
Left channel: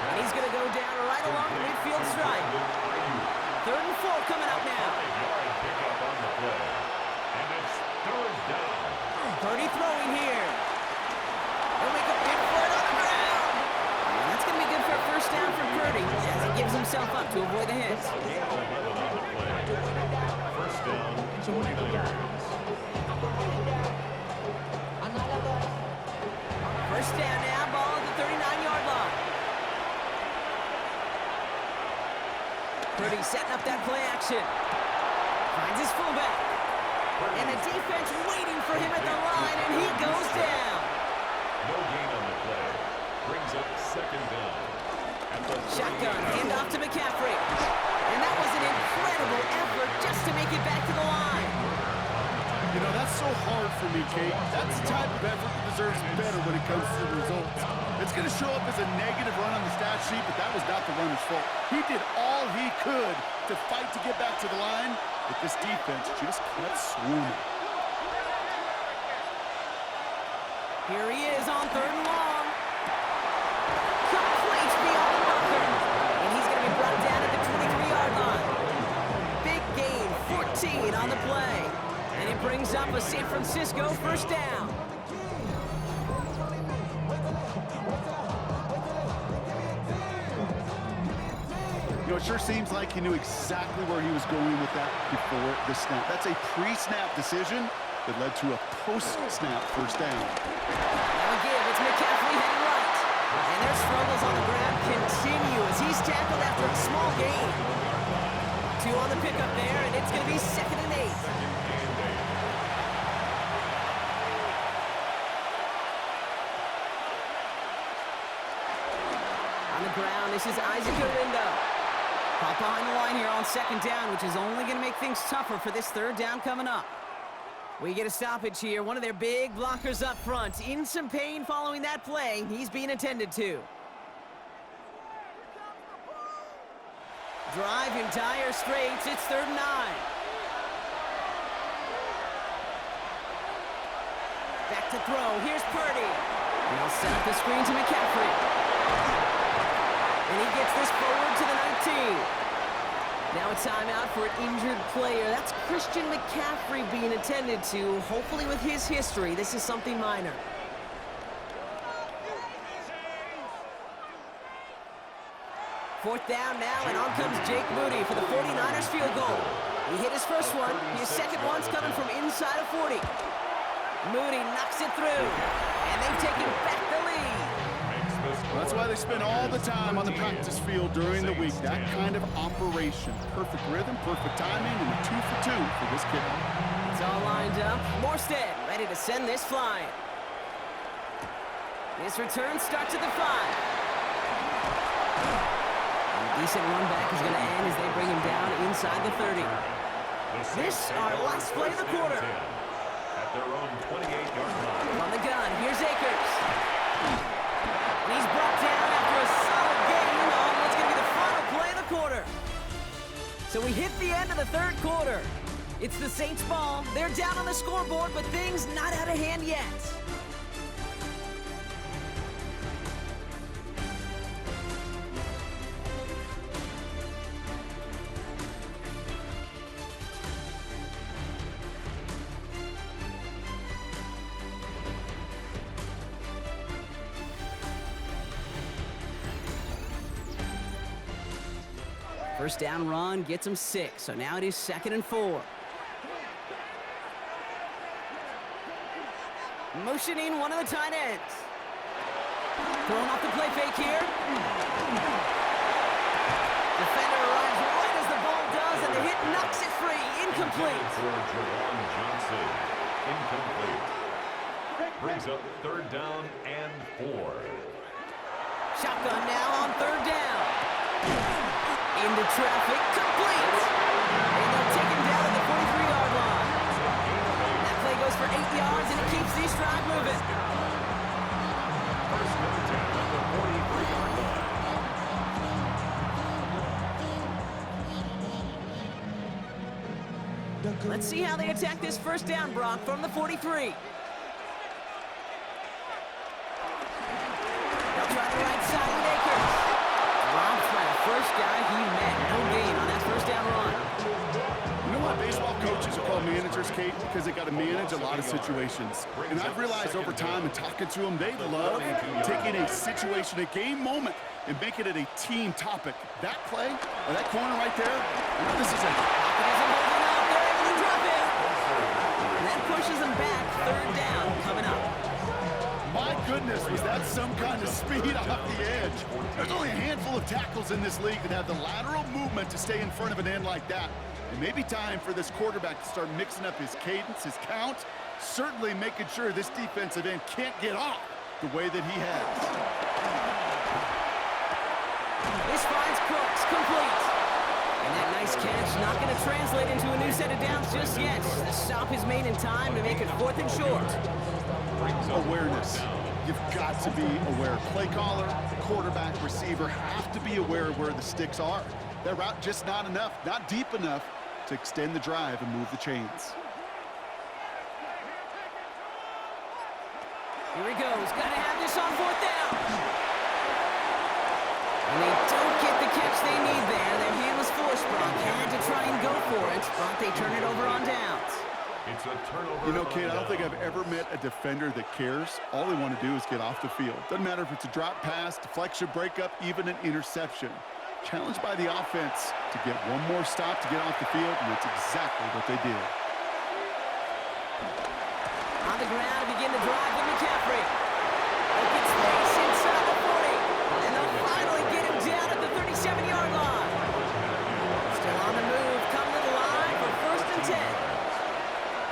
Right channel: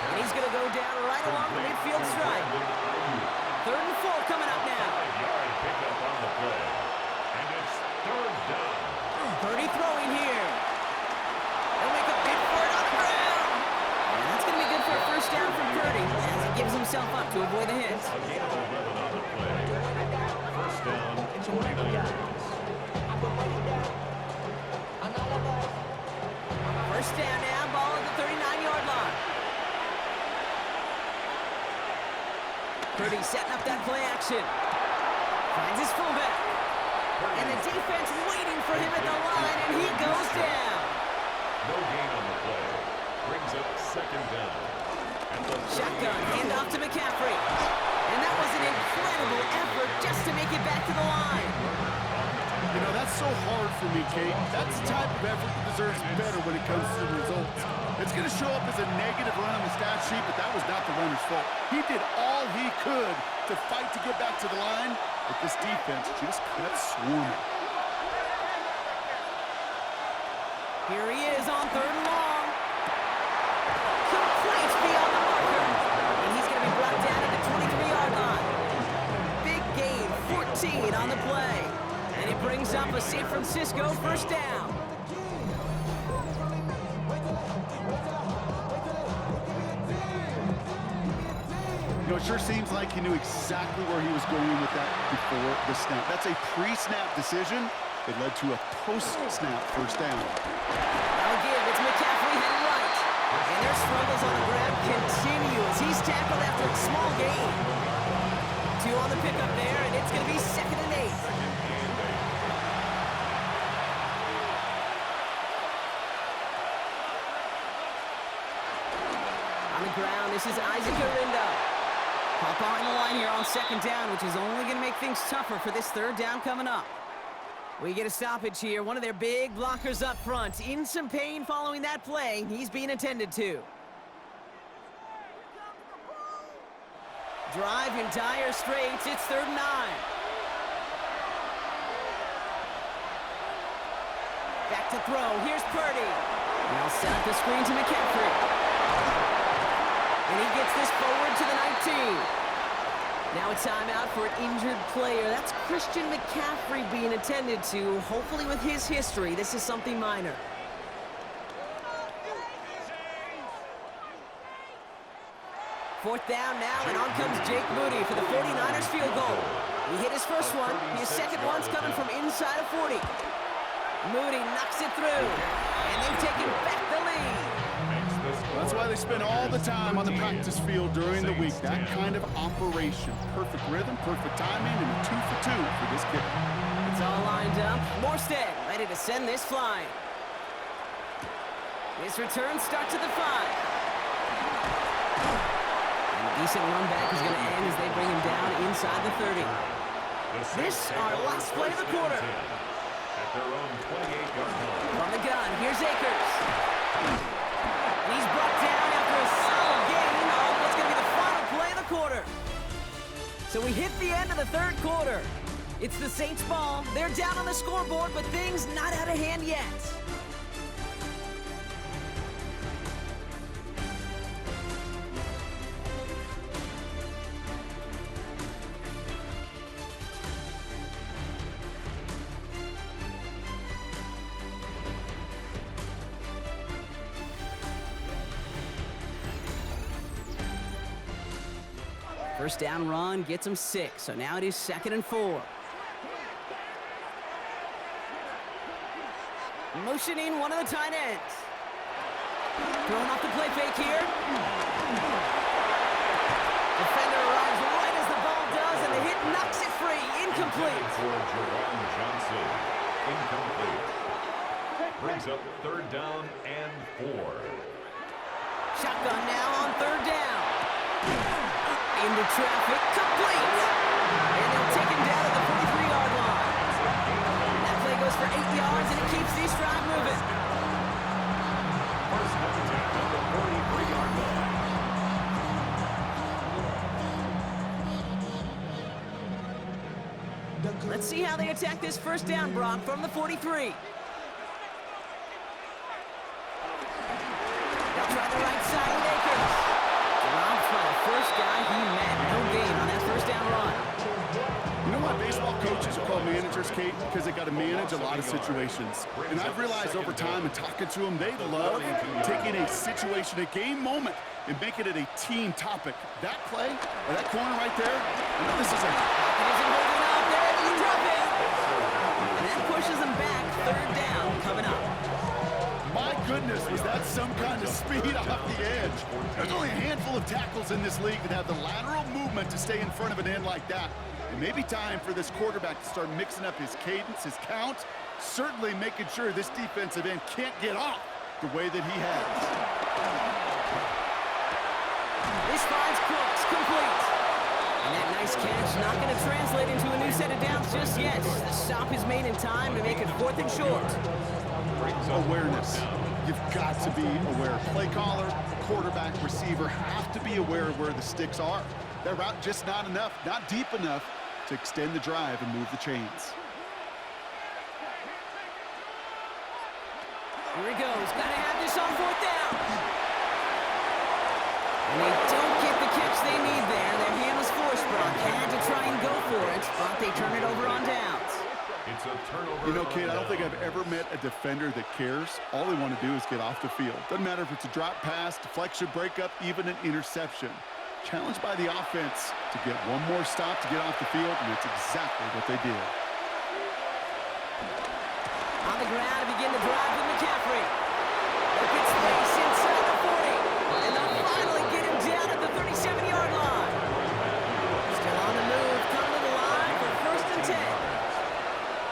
And he's going to go down right along the midfield stripe. 3rd and 4 coming up now. 5-yard pickup on the play. And it's 3rd down. Purdy throwing here. He'll make a bid for it on the ground. And that's going to be good for a 1st down for Purdy as he gives himself up to avoid the hit. A gain of 11 on the play. 1st down, 49ers. 1st down now, ball at the 39-yard line. Purdy setting up that play action. Finds his fullback. And the defense waiting for him at the line, and he goes down. No gain on the play. Brings up 2nd down. And the Shotgun, handoff to McCaffrey. And that was an incredible effort just to make it back to the line. You know, that's so hard for me, Kate. That's the type of effort that deserves better when it comes to the results. It's going to show up as a negative run on the stat sheet, but that was not the runner's fault. He did all he could to fight to get back to the line, but this defense just kept swarming. Here he is on 3rd and long. Complete beyond the marker. And he's going to be brought down at the 23-yard line. Big gain, 14 on the play. And it brings up a San Francisco 1st down. You know, it sure seems like he knew exactly where he was going with that before the snap. That's a pre-snap decision that led to a post-snap 1st down. Now again, it's McCaffrey heading right. And their struggles on the ground continue as he's tackled after a small gain. 2 on the pickup there, and it's going to be 2nd and 8. On the ground, this is Isaac Garindo. Caught behind the line here on second down, which is only going to make things tougher for this third down coming up. We get a stoppage here. One of their big blockers up front. In some pain following that play. He's being attended to. Drive in dire straits. It's 3rd and 9. Back to throw. Here's Purdy. And they'll set up the screen to McCaffrey. And he gets this forward to the 19. Now a timeout for an injured player. That's Christian McCaffrey being attended to. Hopefully with his history, this is something minor. Fourth down now, and on comes Jake Moody for the 49ers field goal. He hit his first one. His second one's coming from inside of 40. Moody knocks it through, and they've taken back the lead. That's why they spend all the time on the practice field during the week. That kind of operation. Perfect rhythm, perfect timing, and a 2 for 2 for this kicker. It's all lined up. Morstead ready to send this flying. This return starts at the 5. And a decent run back is going to end as they bring him down inside the 30. This our last play of the quarter. At their own 28-yard line. From the gun, here's Akers. And he's brought down after a solid gain on what's going to be the final play of the quarter. So we hit the end of the third quarter. It's the Saints' ball. They're down on the scoreboard, but things not out of hand yet. First down run gets him 6, so now it is 2nd and 4. Motioning one of the tight ends. Throwing off the play fake here. Defender arrives right as the ball does, and the hit knocks it free. Incomplete. For Jerron Johnson. Incomplete. Brings up 3rd down and 4. Shotgun now on 3rd down. Into traffic, complete. And they'll take him down at the 43-yard line. That play goes for 8 yards, and it keeps this drive moving. First and 10 at the 43-yard line. Let's see how they attack this first down, Brock, from the 43. They'll try the right side with Akers. Dropped by the first guy he met. No gain on that first down run. You know why baseball coaches are called managers, Kate? Because they got to manage a lot of situations. And I've realized over time and talking to them, they love taking a situation, a game moment, and making it a team topic. That play, or that corner right there, I know this is a... Pocket isn't holding up. They're able to drop it. And that pushes them back. 3rd down coming up. My goodness, was that some kind of speed off the edge? There's only a handful of tackles in this league that have the lateral movement to stay in front of an end like that. It may be time for this quarterback to start mixing up his cadence, his count, certainly making sure this defensive end can't get off the way that he has. This finds Cooks complete. And that nice catch not going to translate into a new set of downs just yet. The stop is made in time to make it 4th and short. Awareness. You've got to be aware. Play caller, quarterback, receiver have to be aware of where the sticks are. That route just not enough, not deep enough to extend the drive and move the chains. Here he goes. Got to have this on 4th down. And they don't get the catch they need there. Their hand was forced, Brock. Had to try and go for it, but they turn it over on downs. It's a turnover. You know, Kate, I don't think I've ever met a defender that cares. All they want to do is get off the field. Doesn't matter if it's a drop pass, deflection, breakup, even an interception. Challenged by the offense to get one more stop to get off the field, and that's exactly what they did. On the ground to begin the drive with McCaffrey. Open space inside the 40. And they'll finally get him down at the 37-yard line. Still on the move, coming to the line for 1st and 10.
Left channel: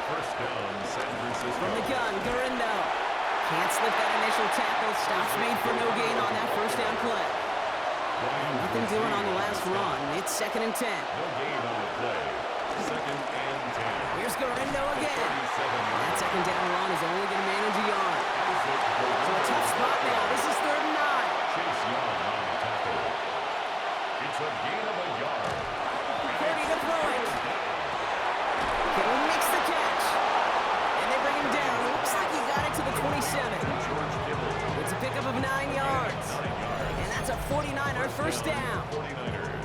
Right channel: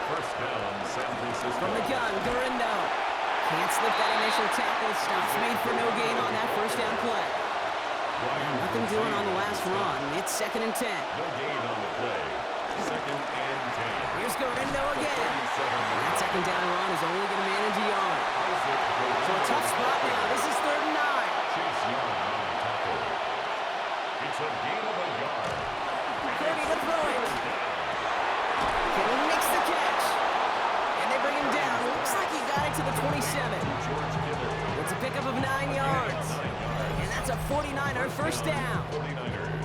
First down, San Francisco. From the gun, Garindo. Can't slip that initial tackle. Stops made for no gain on that first down play. Nothing doing on the last run. It's 2nd and 10. No gain on the play. 2nd and 10. Here's Gorindo again. And that 2nd down run is only going to manage a yard. So a tough spot now. This is 3rd and 9. Chase Young on the tackle. It's a gain of a yard. 30 to throw it. Kittle makes the catch. And they bring him down. Looks like he got it to the 27. George Kittle. It's a pickup of 9 yards. And that's a 49er first down. 49ers.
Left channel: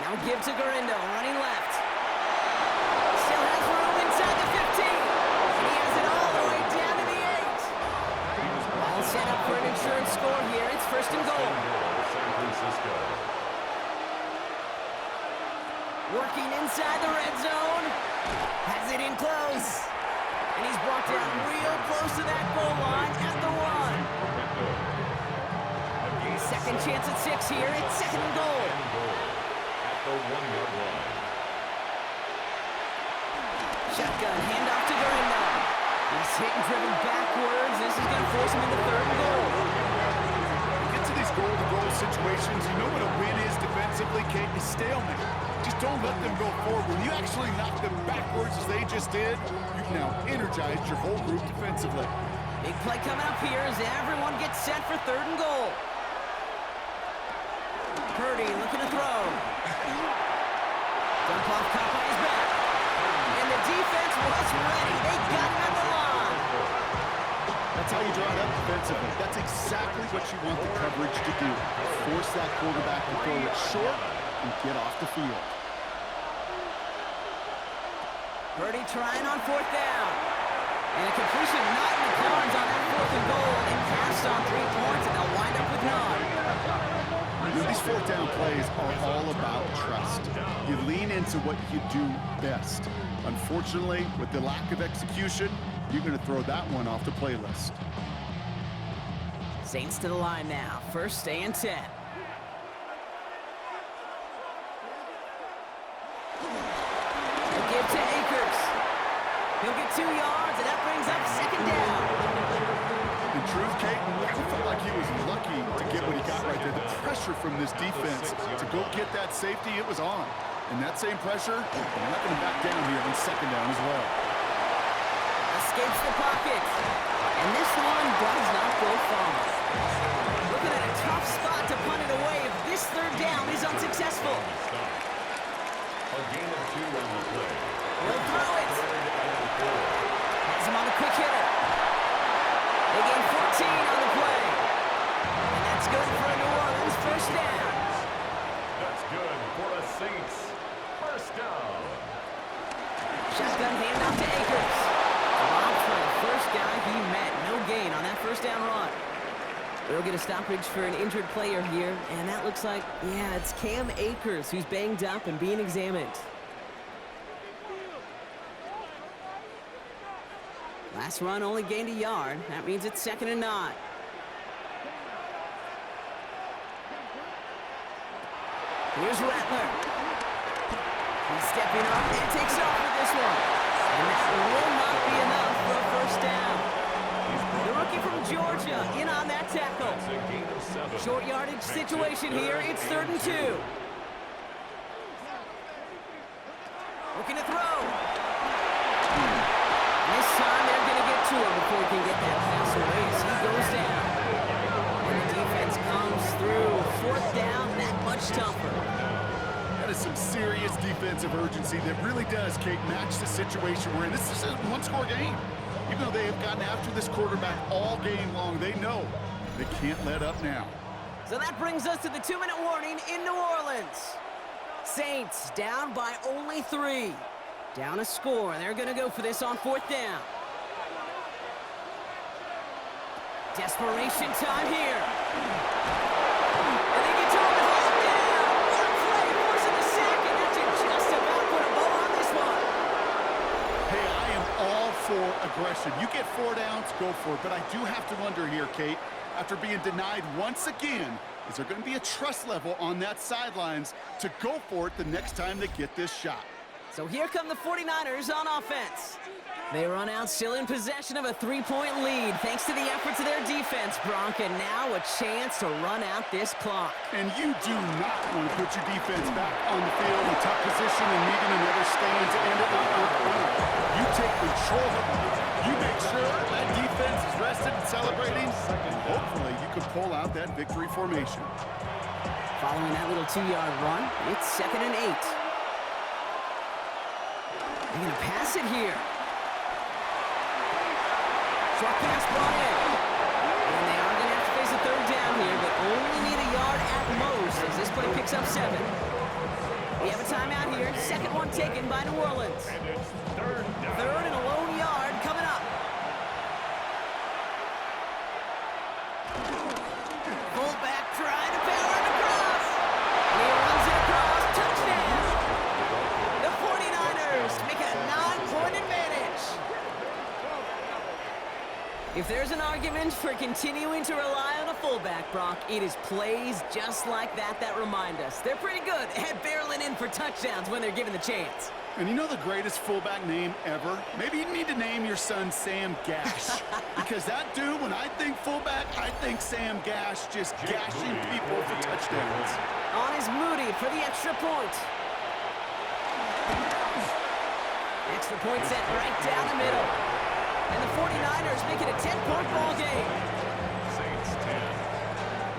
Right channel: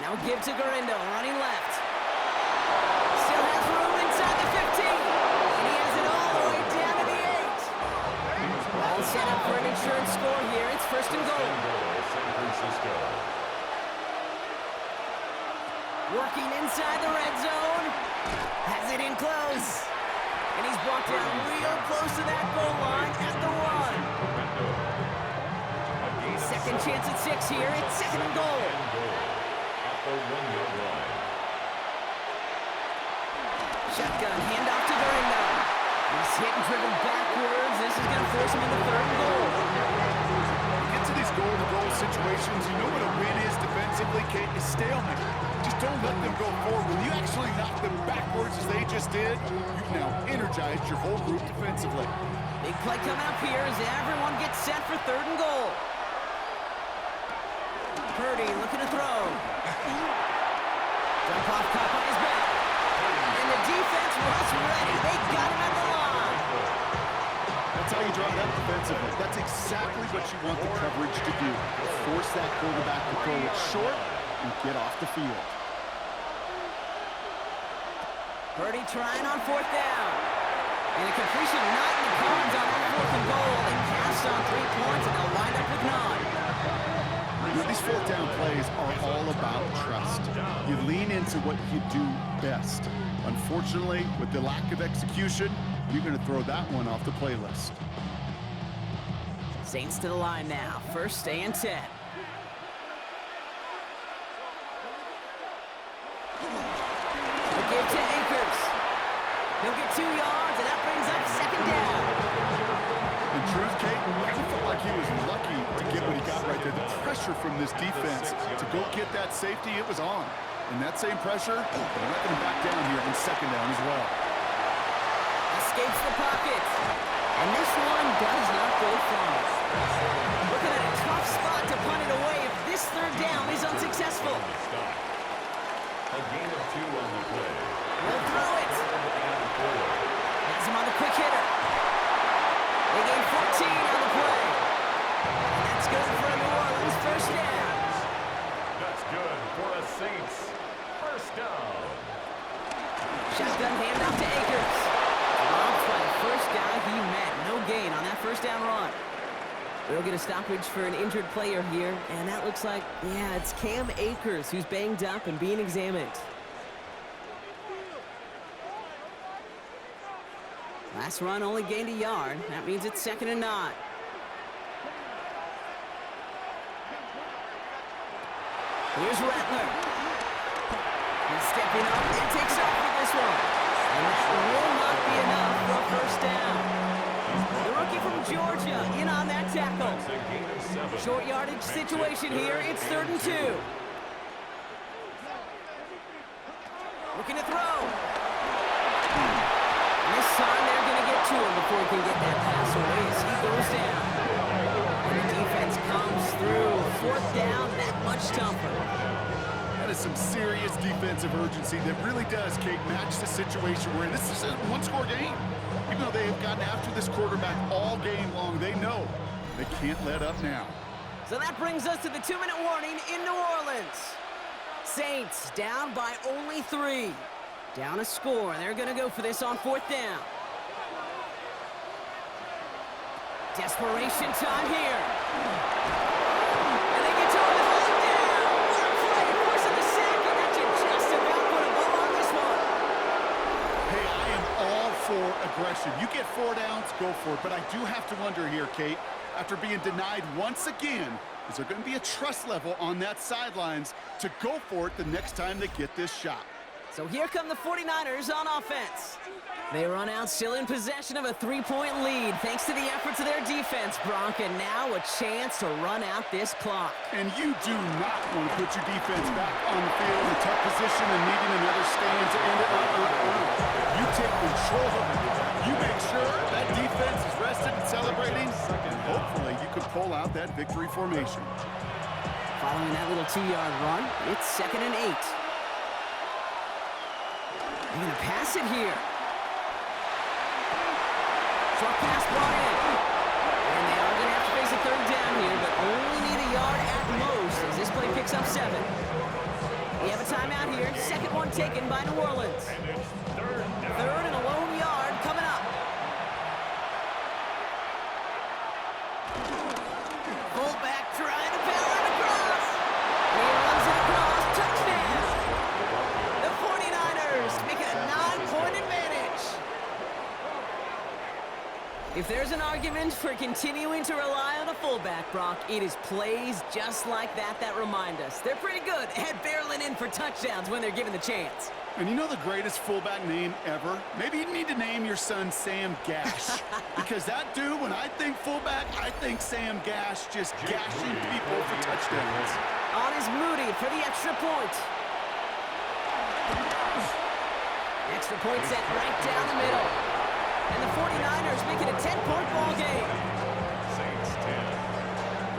Now give to Gorindo, running left. Still has room inside the 15. And he has it all the way down to the 8. All set up for an insurance score here. It's 1st and goal. San Francisco. Working inside the red zone. Has it in close. And he's brought down real close to that goal line at the 1. Second chance at 6 here. It's 2nd and goal. At the 1-yard line. Shotgun, handoff to Gorindo. He's hit and driven backwards. This is going to force him into 3rd and goal. You get to these goal-to-goal situations, you know what a win is defensively, Kate, is stalemate. Just don't let them go forward. When you actually knock them backwards as they just did, you've now energized your whole group defensively. Big play coming up here as everyone gets set for 3rd and goal. Purdy looking to throw. Dump off caught by his back. And the defense was ready. They got him at the line. That's how you draw it up defensively. That's exactly what you want the coverage to do. Force that quarterback to throw it short and get off the field. Purdy trying on 4th down. And a completion not in the cards on that 4th and goal. They passed on 3 points and they'll wind up with none. You know, these 4th down plays are all about trust. You lean into what you do best. Unfortunately, with the lack of execution, you're going to throw that one off the playlist. Saints to the line now. 1st and 10. A give to Akers. He'll get 2 yards, and that brings up 2nd down. In truth, Kate, I felt like he was lucky to get what he got right there. The pressure from this defense to go get that safety, it was on. And that same pressure, they're not going to back down here on 2nd down as well. Escapes the pocket. And this one does not go far. Looking at a tough spot to punt it away if this 3rd down is unsuccessful. A gain of 2 on the play. He'll throw it. 3rd and 4. Has him on the quick hitter. They gain 14 on the play. And that's good for a New Orleans 1st down. That's good for a Saints 1st down. Shotgun handoff to Akers. Robbed by the first guy he met. No gain on that 1st down run. We'll get a stoppage for an injured player here, and that looks like, yeah, it's Cam Akers who's banged up and being examined. Last run only gained a yard. That means it's 2nd and 9. Here's Rattler. He's stepping up and takes off with this one. And that will not be enough for a 1st down. The rookie from Georgia in on that tackle. That's a gain of 7. Short yardage situation here. It's 3rd and 2. Looking to throw. And this time they're going to get to him before he can get that pass away as he goes down. And the defense comes through. 4th down, that much tougher. That is some serious defensive urgency that really does, Kate, match the situation we're in. This is a 1-score game. Even though they have gotten after this quarterback all game long, they know they can't let up now. So that brings us to the 2-minute warning in New Orleans. Saints down by only 3. Down a score. They're going to go for this on 4th down. Desperation time here. And they get to him and hold him down. What a play, forcing the sack, and that should just about put a bow on this one. Hey, I am all for aggression. You get 4 downs, go for it. But I do have to wonder here, Kate, after being denied once again, Is there going to be a trust level on that sidelines to go for it the next time they get this shot? So here come the 49ers on offense. They run out still in possession of a 3-point lead thanks to the efforts of their defense, Bronk, and now a chance to run out this clock. And you do not want to put your defense back on the field in a tough position and needing another stand to end it. You take control of it. You make sure that defense is rested and celebrating, and hopefully you can pull out that victory formation. Following that little 2-yard run, it's 2nd and 8. They're going to pass it here. Short pass brought in. And they are going to have to face a 3rd down here, but only need a yard at most as this play picks up 7. We have a timeout here. 2nd one taken by New Orleans. And it's 3rd down. 3rd and a lone yard coming up. Fullback trying to power it across. And he runs it across. Touchdown. The 49ers make it a 9-point advantage. If there's an argument for continuing to rely on a fullback, Brock, it is plays just like that remind us. They're pretty good at barreling in for touchdowns when they're given the chance. And you know the greatest fullback name ever? Maybe you need to name your son Sam Gash. Because that dude, when I think fullback, I think Sam Gash just gashing people for touchdowns. On is Moody for the extra point. Extra point set right down the middle. And the 49ers make it a 10-point ball game. Saints 10.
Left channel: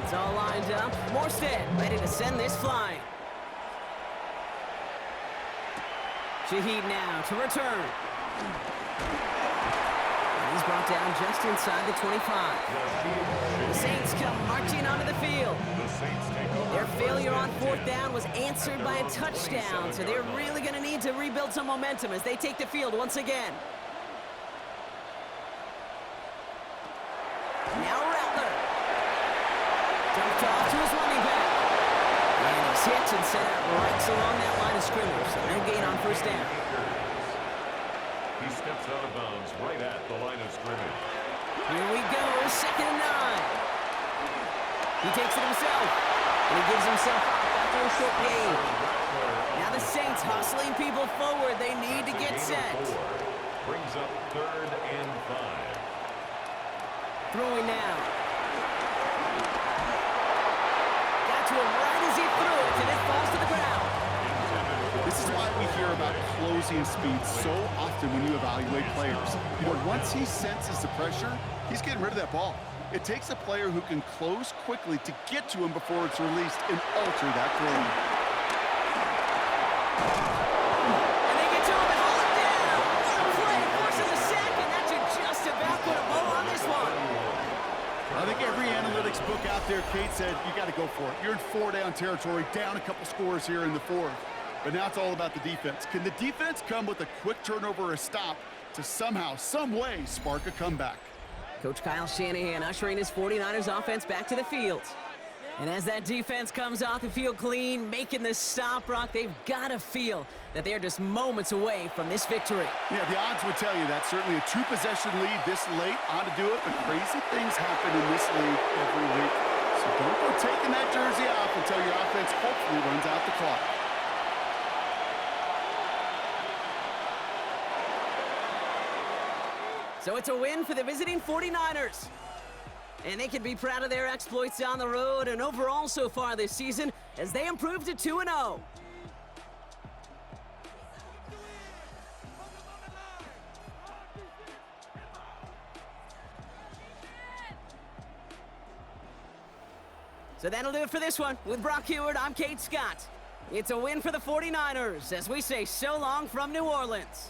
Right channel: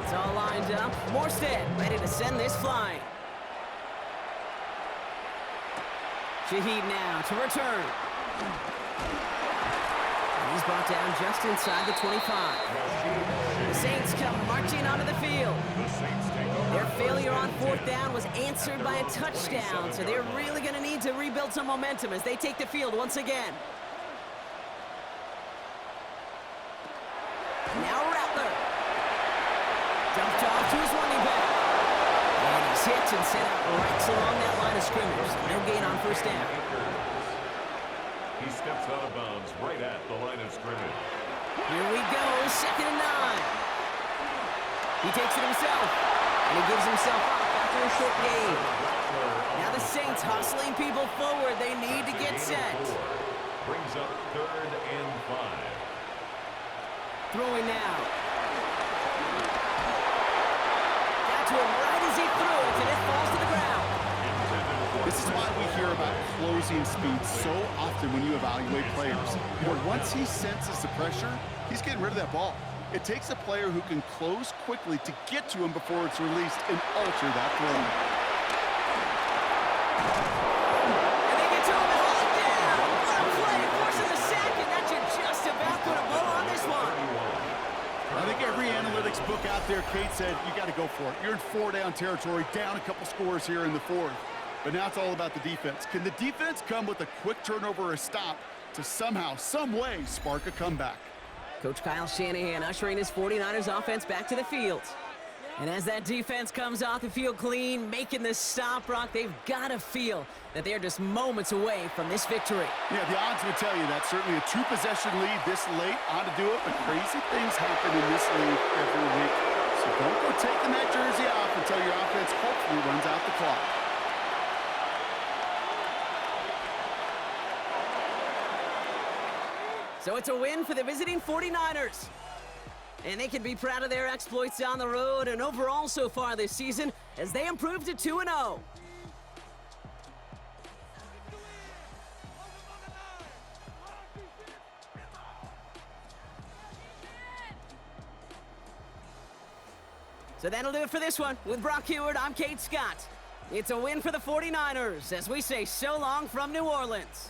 It's all lined up. Morstead ready to send this flying. Shaheed now to return. And he's brought down just inside the 25. The Saints come marching onto the field. The Saints take over. Their failure on 4th down was answered by a touchdown, so they're really going to need to rebuild some momentum as they take the field once again. Now Rattler. Dumped off to his running back. And he's hit and set out right along that line of scrimmage. So no gain on 1st down. He steps out of bounds right at the line of scrimmage. Here we go, 2nd and 9. He takes it himself. And he gives himself up after a short gain. Now the Saints hustling people forward. They need to get set. Brings up 3rd and 5. Throwing now. Got to him right as he threw it, and it falls to the ground. This is why we hear about closing speed so often when you evaluate players. You know, once he senses the pressure, he's getting rid of that ball. It takes a player who can close quickly to get to him before it's released and alter that throw. And they get to him and haul him down. What a play, forcing the sack, and that should just about put a bow on this one. I think every analytics book out there, Kate, said you got to go for it. You're in 4-down territory, down a couple scores here in the 4th. But now it's all about the defense. Can the defense come with a quick turnover or a stop to somehow, some way, spark a comeback? Coach Kyle Shanahan ushering his 49ers offense back to the field. And as that defense comes off the field clean, making the stop, Brock, they've got to feel that they're just moments away from this victory. Yeah, the odds would tell you that. Certainly a 2-possession lead this late ought to do it, but crazy things happen in this league every week. So don't go taking that jersey off until your offense hopefully runs out the clock. So it's a win for the visiting 49ers. And they can be proud of their exploits down the road and overall so far this season as they improve to 2-0. So that'll do it for this one. With Brock Heward, I'm Kate Scott. It's a win for the 49ers as we say so long from New Orleans.